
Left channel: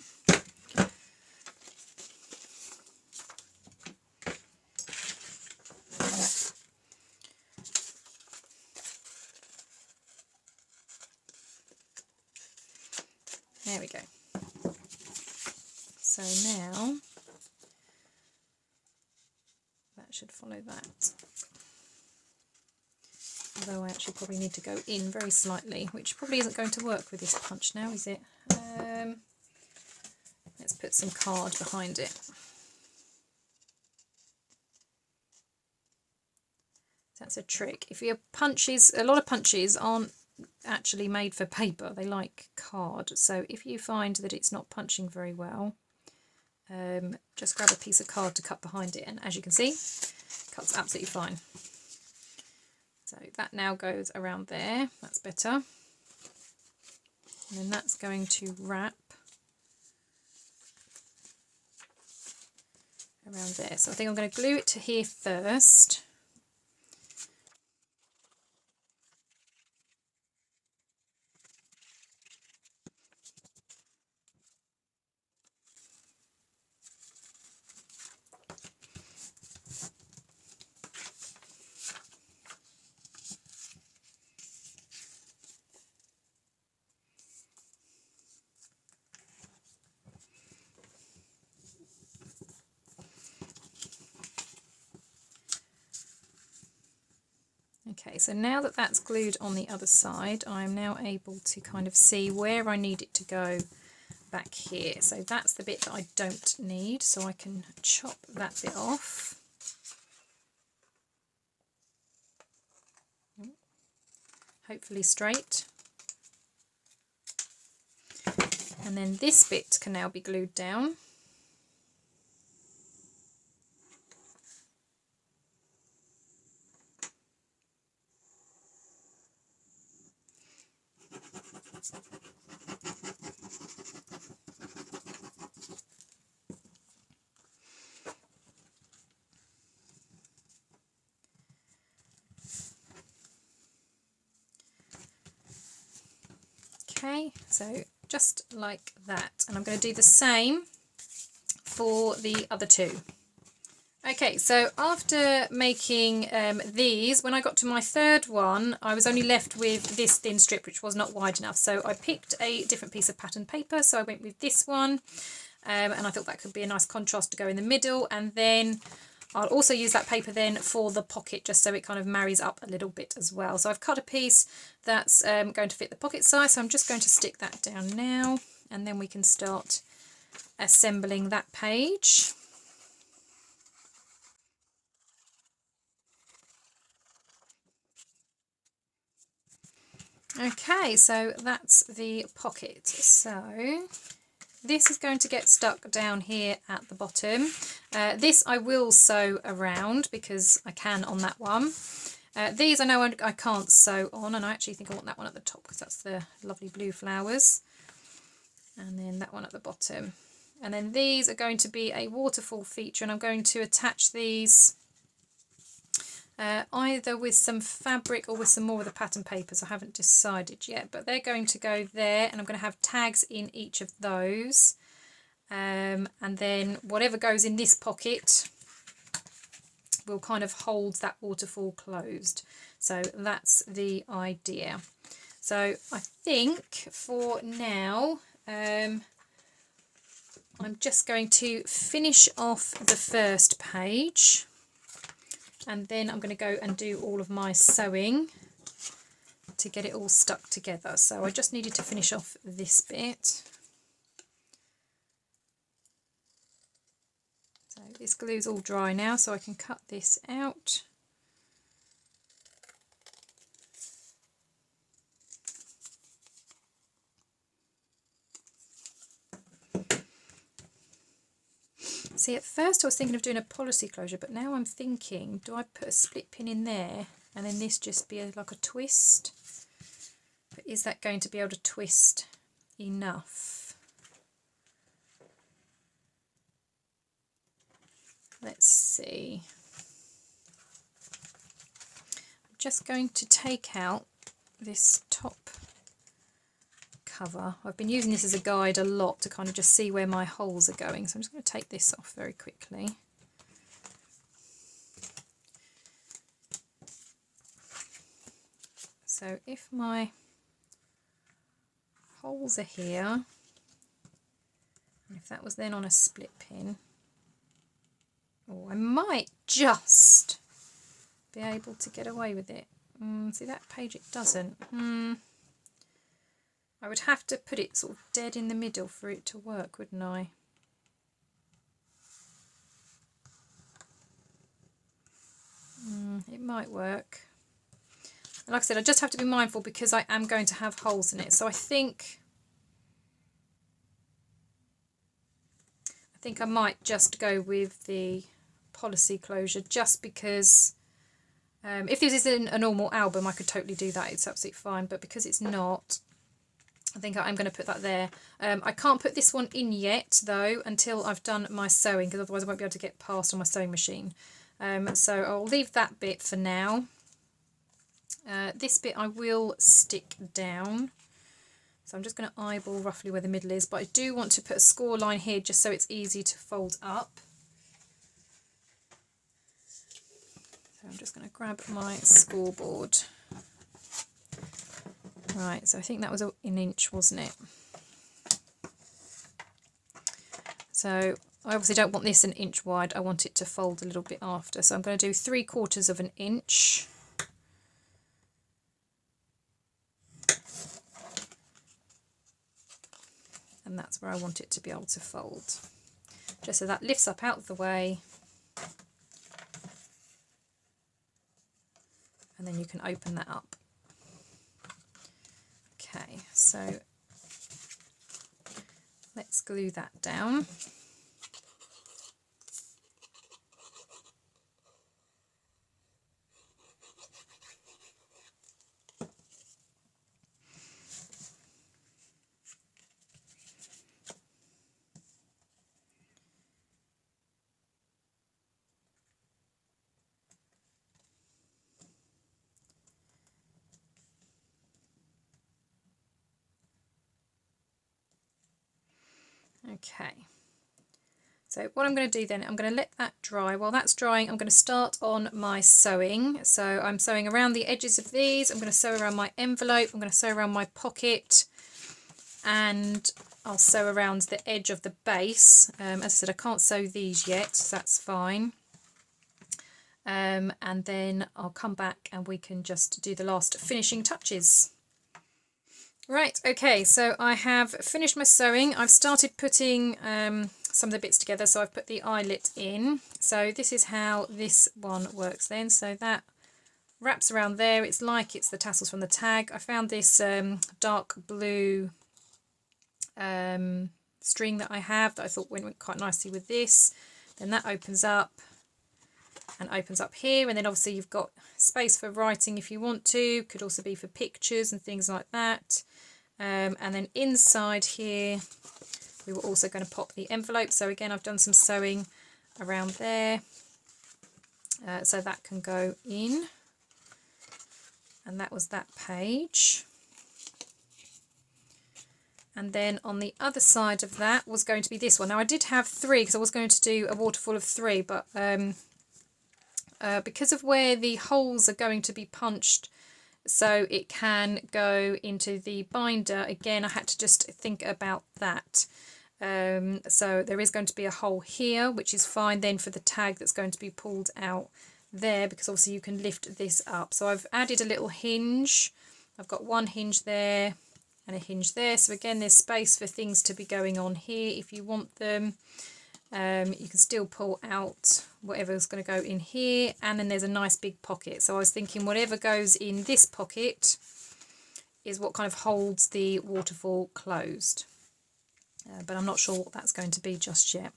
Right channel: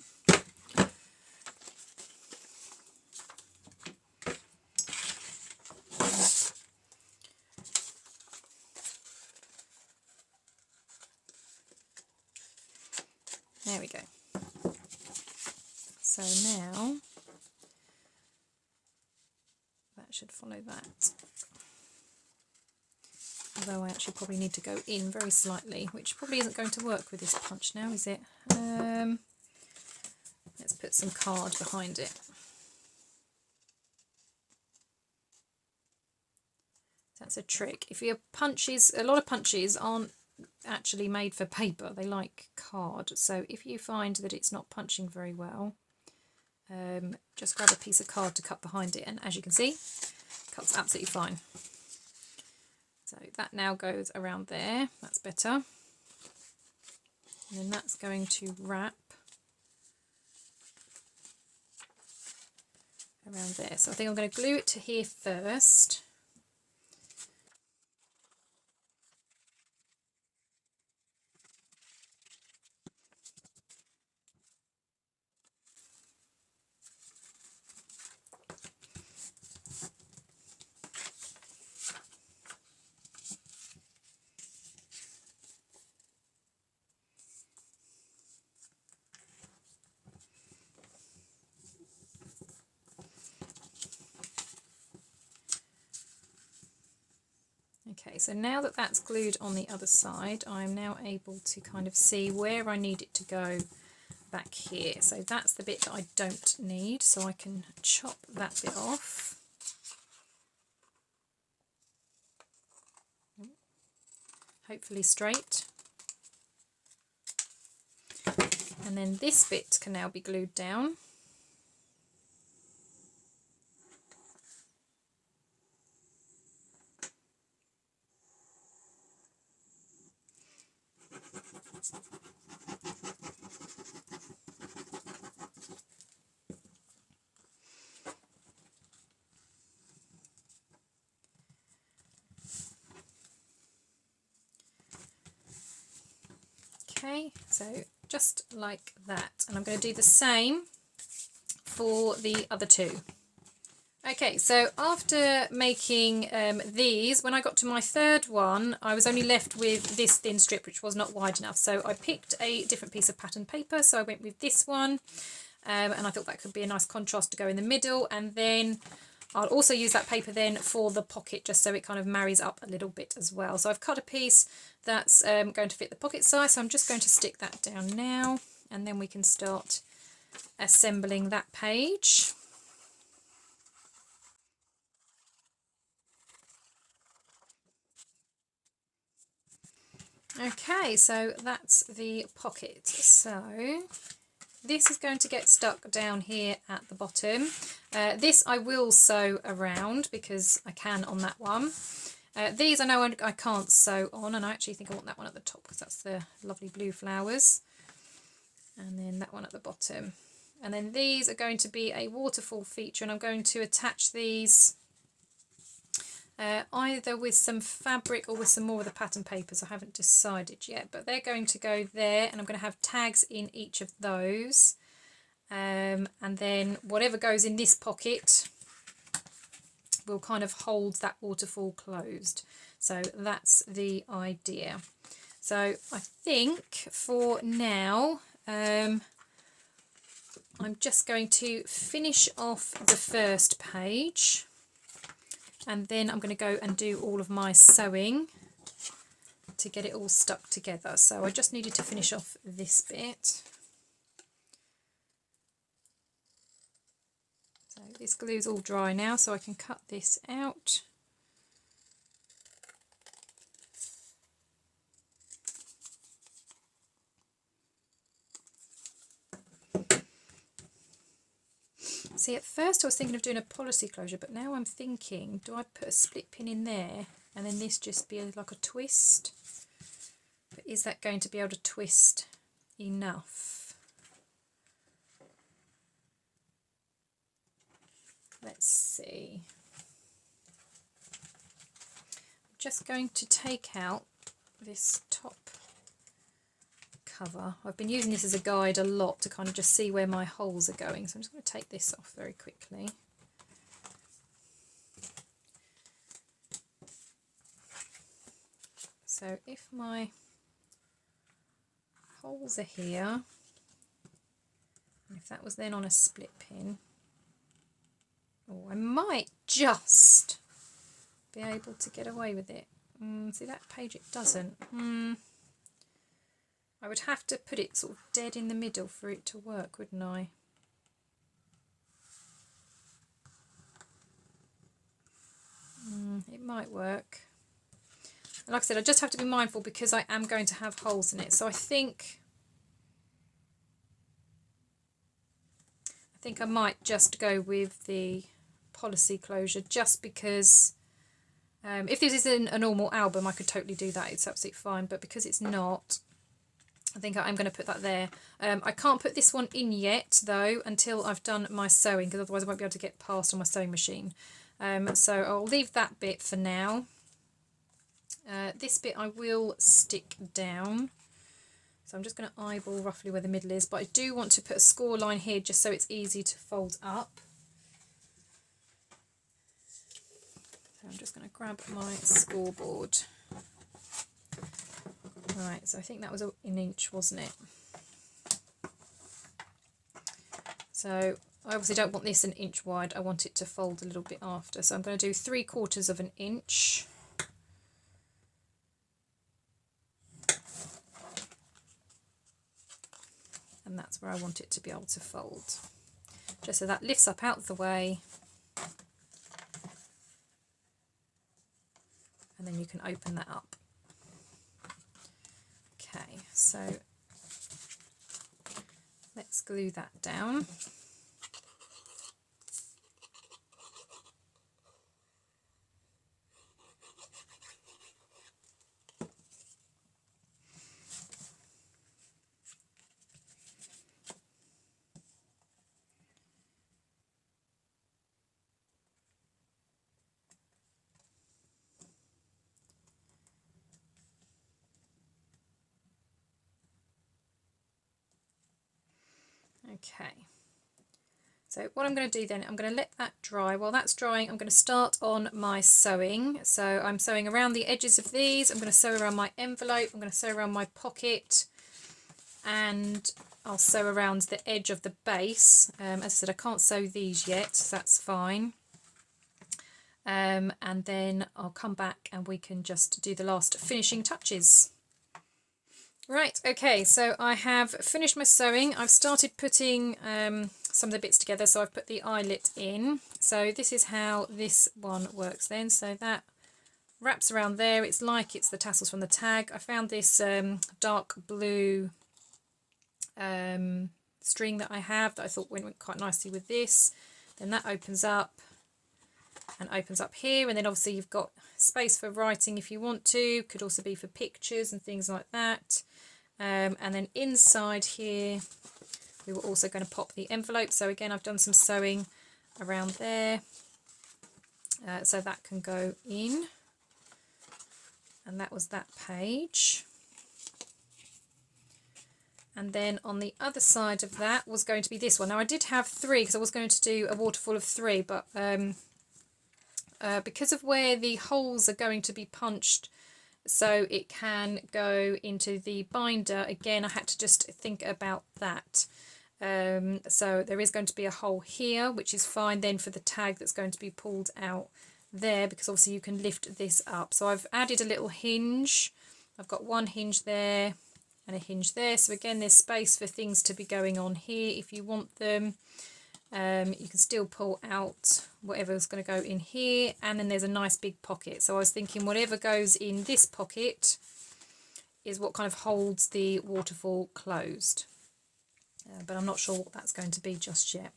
There we go. So now that should follow that. Although I actually probably need to go in very slightly, which probably isn't going to work with this punch now, is it? Let's put some card behind it. That's a trick. If your punches, a lot of punches aren't actually made for paper, they like card. So if you find that it's not punching very well, just grab a piece of card to cut behind it, and as you can see, it cuts absolutely fine. So that now goes around there, that's better. And then that's going to wrap around there. So I think I'm going to glue it to here first. Okay, so now that that's glued on the other side, I'm now able to kind of see where I need it to go back here. So that's the bit that I don't need, so I can chop that bit off. Hopefully straight. And then this bit can now be glued down. Okay, so just like that, and I'm going to do the same for the other two. Okay, so after making these, when I got to my third one, I was only left with this thin strip, which was not wide enough. So I picked a different piece of pattern paper. So I went with this one, and I thought that could be a nice contrast to go in the middle. And then I'll also use that paper then for the pocket, just so it kind of marries up a little bit as well. So I've cut a piece that's going to fit the pocket size. So I'm just going to stick that down now, and then we can start assembling that page. Okay, so that's the pocket. So this is going to get stuck down here at the bottom. This I will sew around because I can on that one. These I know I can't sew on, and I actually think I want that one at the top because that's the lovely blue flowers. And then that one at the bottom. And then these are going to be a waterfall feature, and I'm going to attach these either with some fabric or with some more of the pattern papers. I haven't decided yet, but they're going to go there, and I'm going to have tags in each of those. And then whatever goes in this pocket will kind of hold that waterfall closed. So that's the idea. So I think for now, I'm just going to finish off the first page, and then I'm going to go and do all of my sewing to get it all stuck together. So I just needed to finish off this bit. So this glue's all dry now, so I can cut this out. See, at first I was thinking of doing a policy closure, but now I'm thinking, do I put a split pin in there and then this just be like a twist? But is that going to be able to twist enough? Let's see. I'm just going to take out this top cover. I've been using this as a guide a lot to kind of just see where my holes are going, so I'm just going to take this off very quickly. So if my holes are here, and if that was then on a split pin, oh, I might just be able to get away with it. See that page, it doesn't. I would have to put it sort of dead in the middle for it to work, wouldn't I? It might work. And like I said, I just have to be mindful because I am going to have holes in it. So I think I might just go with the policy closure, just because if this is in a normal album, I could totally do that. It's absolutely fine. But because it's not, I think I'm going to put that there. I can't put this one in yet though until I've done my sewing, because otherwise I won't be able to get past on my sewing machine. So I'll leave that bit for now. This bit I will stick down. So I'm just going to eyeball roughly where the middle is, but I do want to put a score line here just so it's easy to fold up. So I'm just going to grab my scoreboard. Right, so I think that was an inch, wasn't it? So I obviously don't want this an inch wide, I want it to fold a little bit after. So I'm going to do 3/4 of an inch. And that's where I want it to be able to fold. Just so that lifts up out of the way. And then you can open that up. Okay, so let's glue that down. Okay, so what I'm going to do then, I'm going to let that dry. While that's drying, I'm going to start on my sewing. So I'm sewing around the edges of these, I'm going to sew around my envelope, I'm going to sew around my pocket, and I'll sew around the edge of the base. As I said, I can't sew these yet, so that's fine. And then I'll come back and we can just do the last finishing touches. Right, okay, so I have finished my sewing. I've started putting some of the bits together, so I've put the eyelet in. So this is how this one works then. So that wraps around there. It's like it's the tassels from the tag. I found this dark blue string that I have that I thought went quite nicely with this. Then that opens up and opens up here, and then obviously you've got space for writing if you want to. Could also be for pictures and things like that. And then inside here we were also going to pop the envelope. So again, I've done some sewing around there, so that can go in. And that was that page. And then on the other side of that was going to be this one. Now I did have 3 because I was going to do a waterfall of 3, but because of where the holes are going to be punched so it can go into the binder, again I had to just think about that. So there is going to be a hole here, which is fine then for the tag that's going to be pulled out there, because obviously you can lift this up. So I've added a little hinge. I've got one hinge there and a hinge there, so again there's space for things to be going on here if you want them. You can still pull out whatever's going to go in here, and then there's a nice big pocket. So I was thinking whatever goes in this pocket is what kind of holds the waterfall closed, but I'm not sure what that's going to be just yet.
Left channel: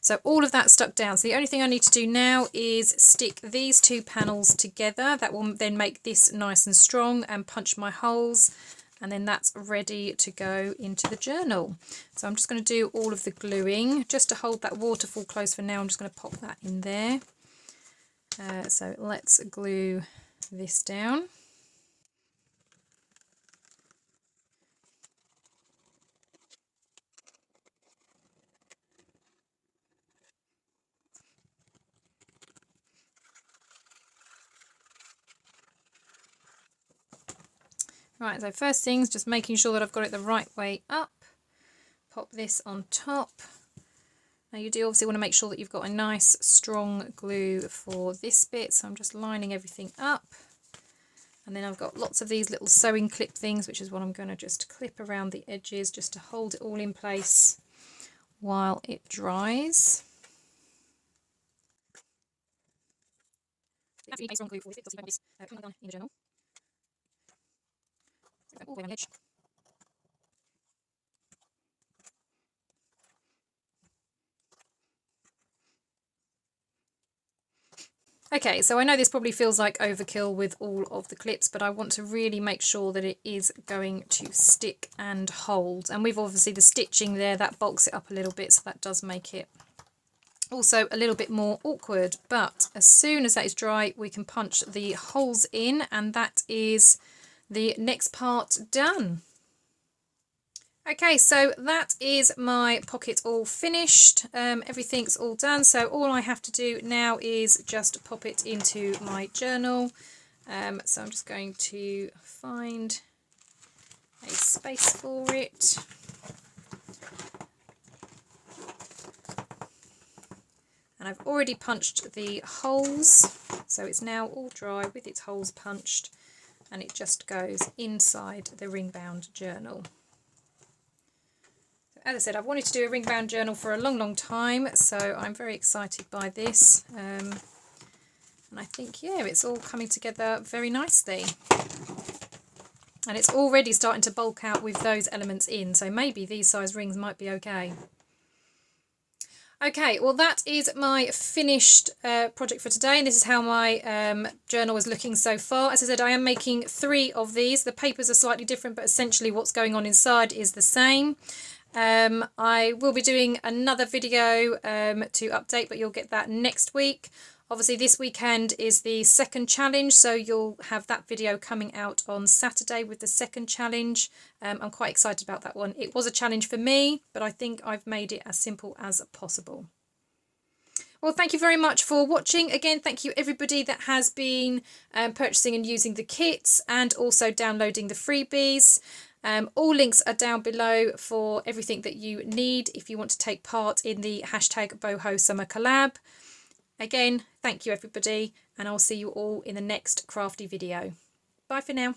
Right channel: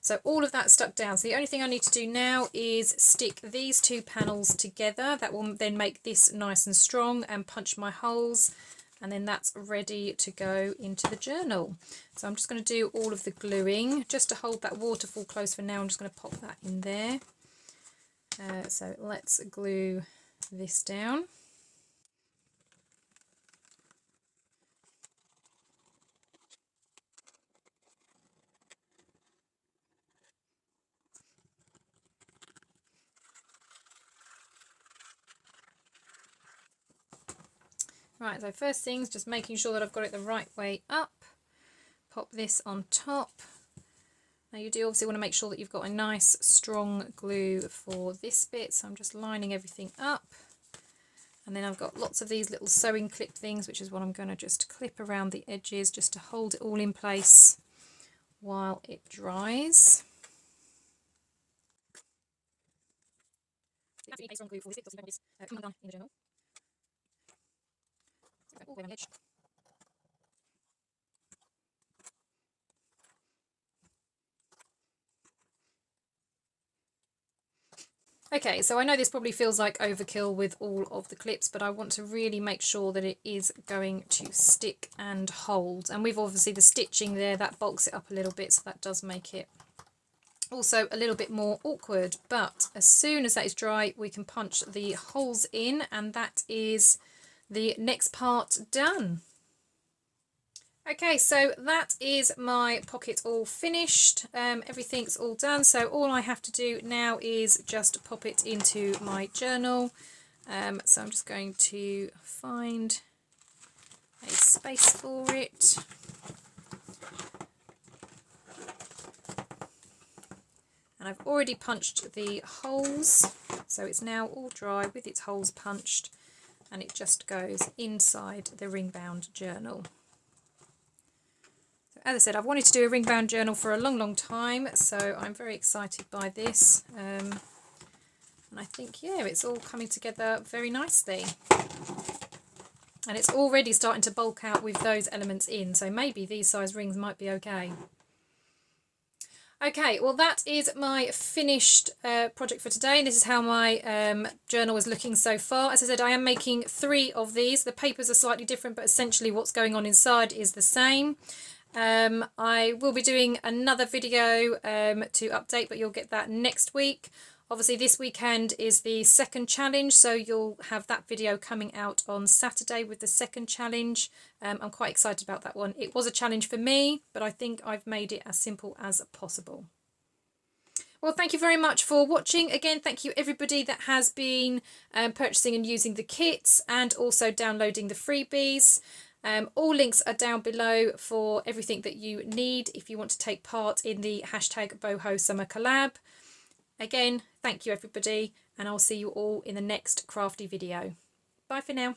So all of that stuck down. So the only thing I need to do now is stick these 2 panels together. That will then make this nice and strong, and punch my holes, and then that's ready to go into the journal. So I'm just going to do all of the gluing just to hold that waterfall closed for now. I'm just going to pop that in there. So let's glue this down. Right, so first things, just making sure that I've got it the right way up. Pop this on top. Now you do obviously want to make sure that you've got a nice strong glue for this bit, so I'm just lining everything up. And then I've got lots of these little sewing clip things, which is what I'm going to just clip around the edges just to hold it all in place while it dries. That's a strong glue for this bit, because you've got this coming down in the journal. So all the way around the edge. Okay, so I know this probably feels like overkill with all of the clips, but I want to really make sure that it is going to stick and hold. And we've obviously the stitching there, that bulks it up a little bit, so that does make it also a little bit more awkward. But as soon as that is dry, we can punch the holes in, and that is the next part done. Okay, so that is my pocket all finished. Everything's all done, so all I have to do now is just pop it into my journal. So I'm just going to find a space for it. And I've already punched the holes, so it's now all dry with its holes punched, and it just goes inside the ring bound journal. As I said, I've wanted to do a ring bound journal for a long time, so I'm very excited by this. And I think, yeah, it's all coming together very nicely. And it's already starting to bulk out with those elements in, so maybe these size rings might be okay. Okay, well that is my finished project for today, and this is how my journal is looking so far. As I said, I am making 3 of these. The papers are slightly different, but essentially what's going on inside is the same. I will be doing another video to update, but you'll get that next week. Obviously this weekend is the second challenge, so you'll have that video coming out on Saturday with the second challenge. I'm quite excited about that one. It was a challenge for me, but I think I've made it as simple as possible. Well, thank you very much for watching. Again, thank you everybody that has been purchasing and using the kits and also downloading the freebies. All links are down below for everything that you need if you want to take part in the #Boho Summer Collab. Again, thank you everybody, and I'll see you all in the next crafty video. Bye for now.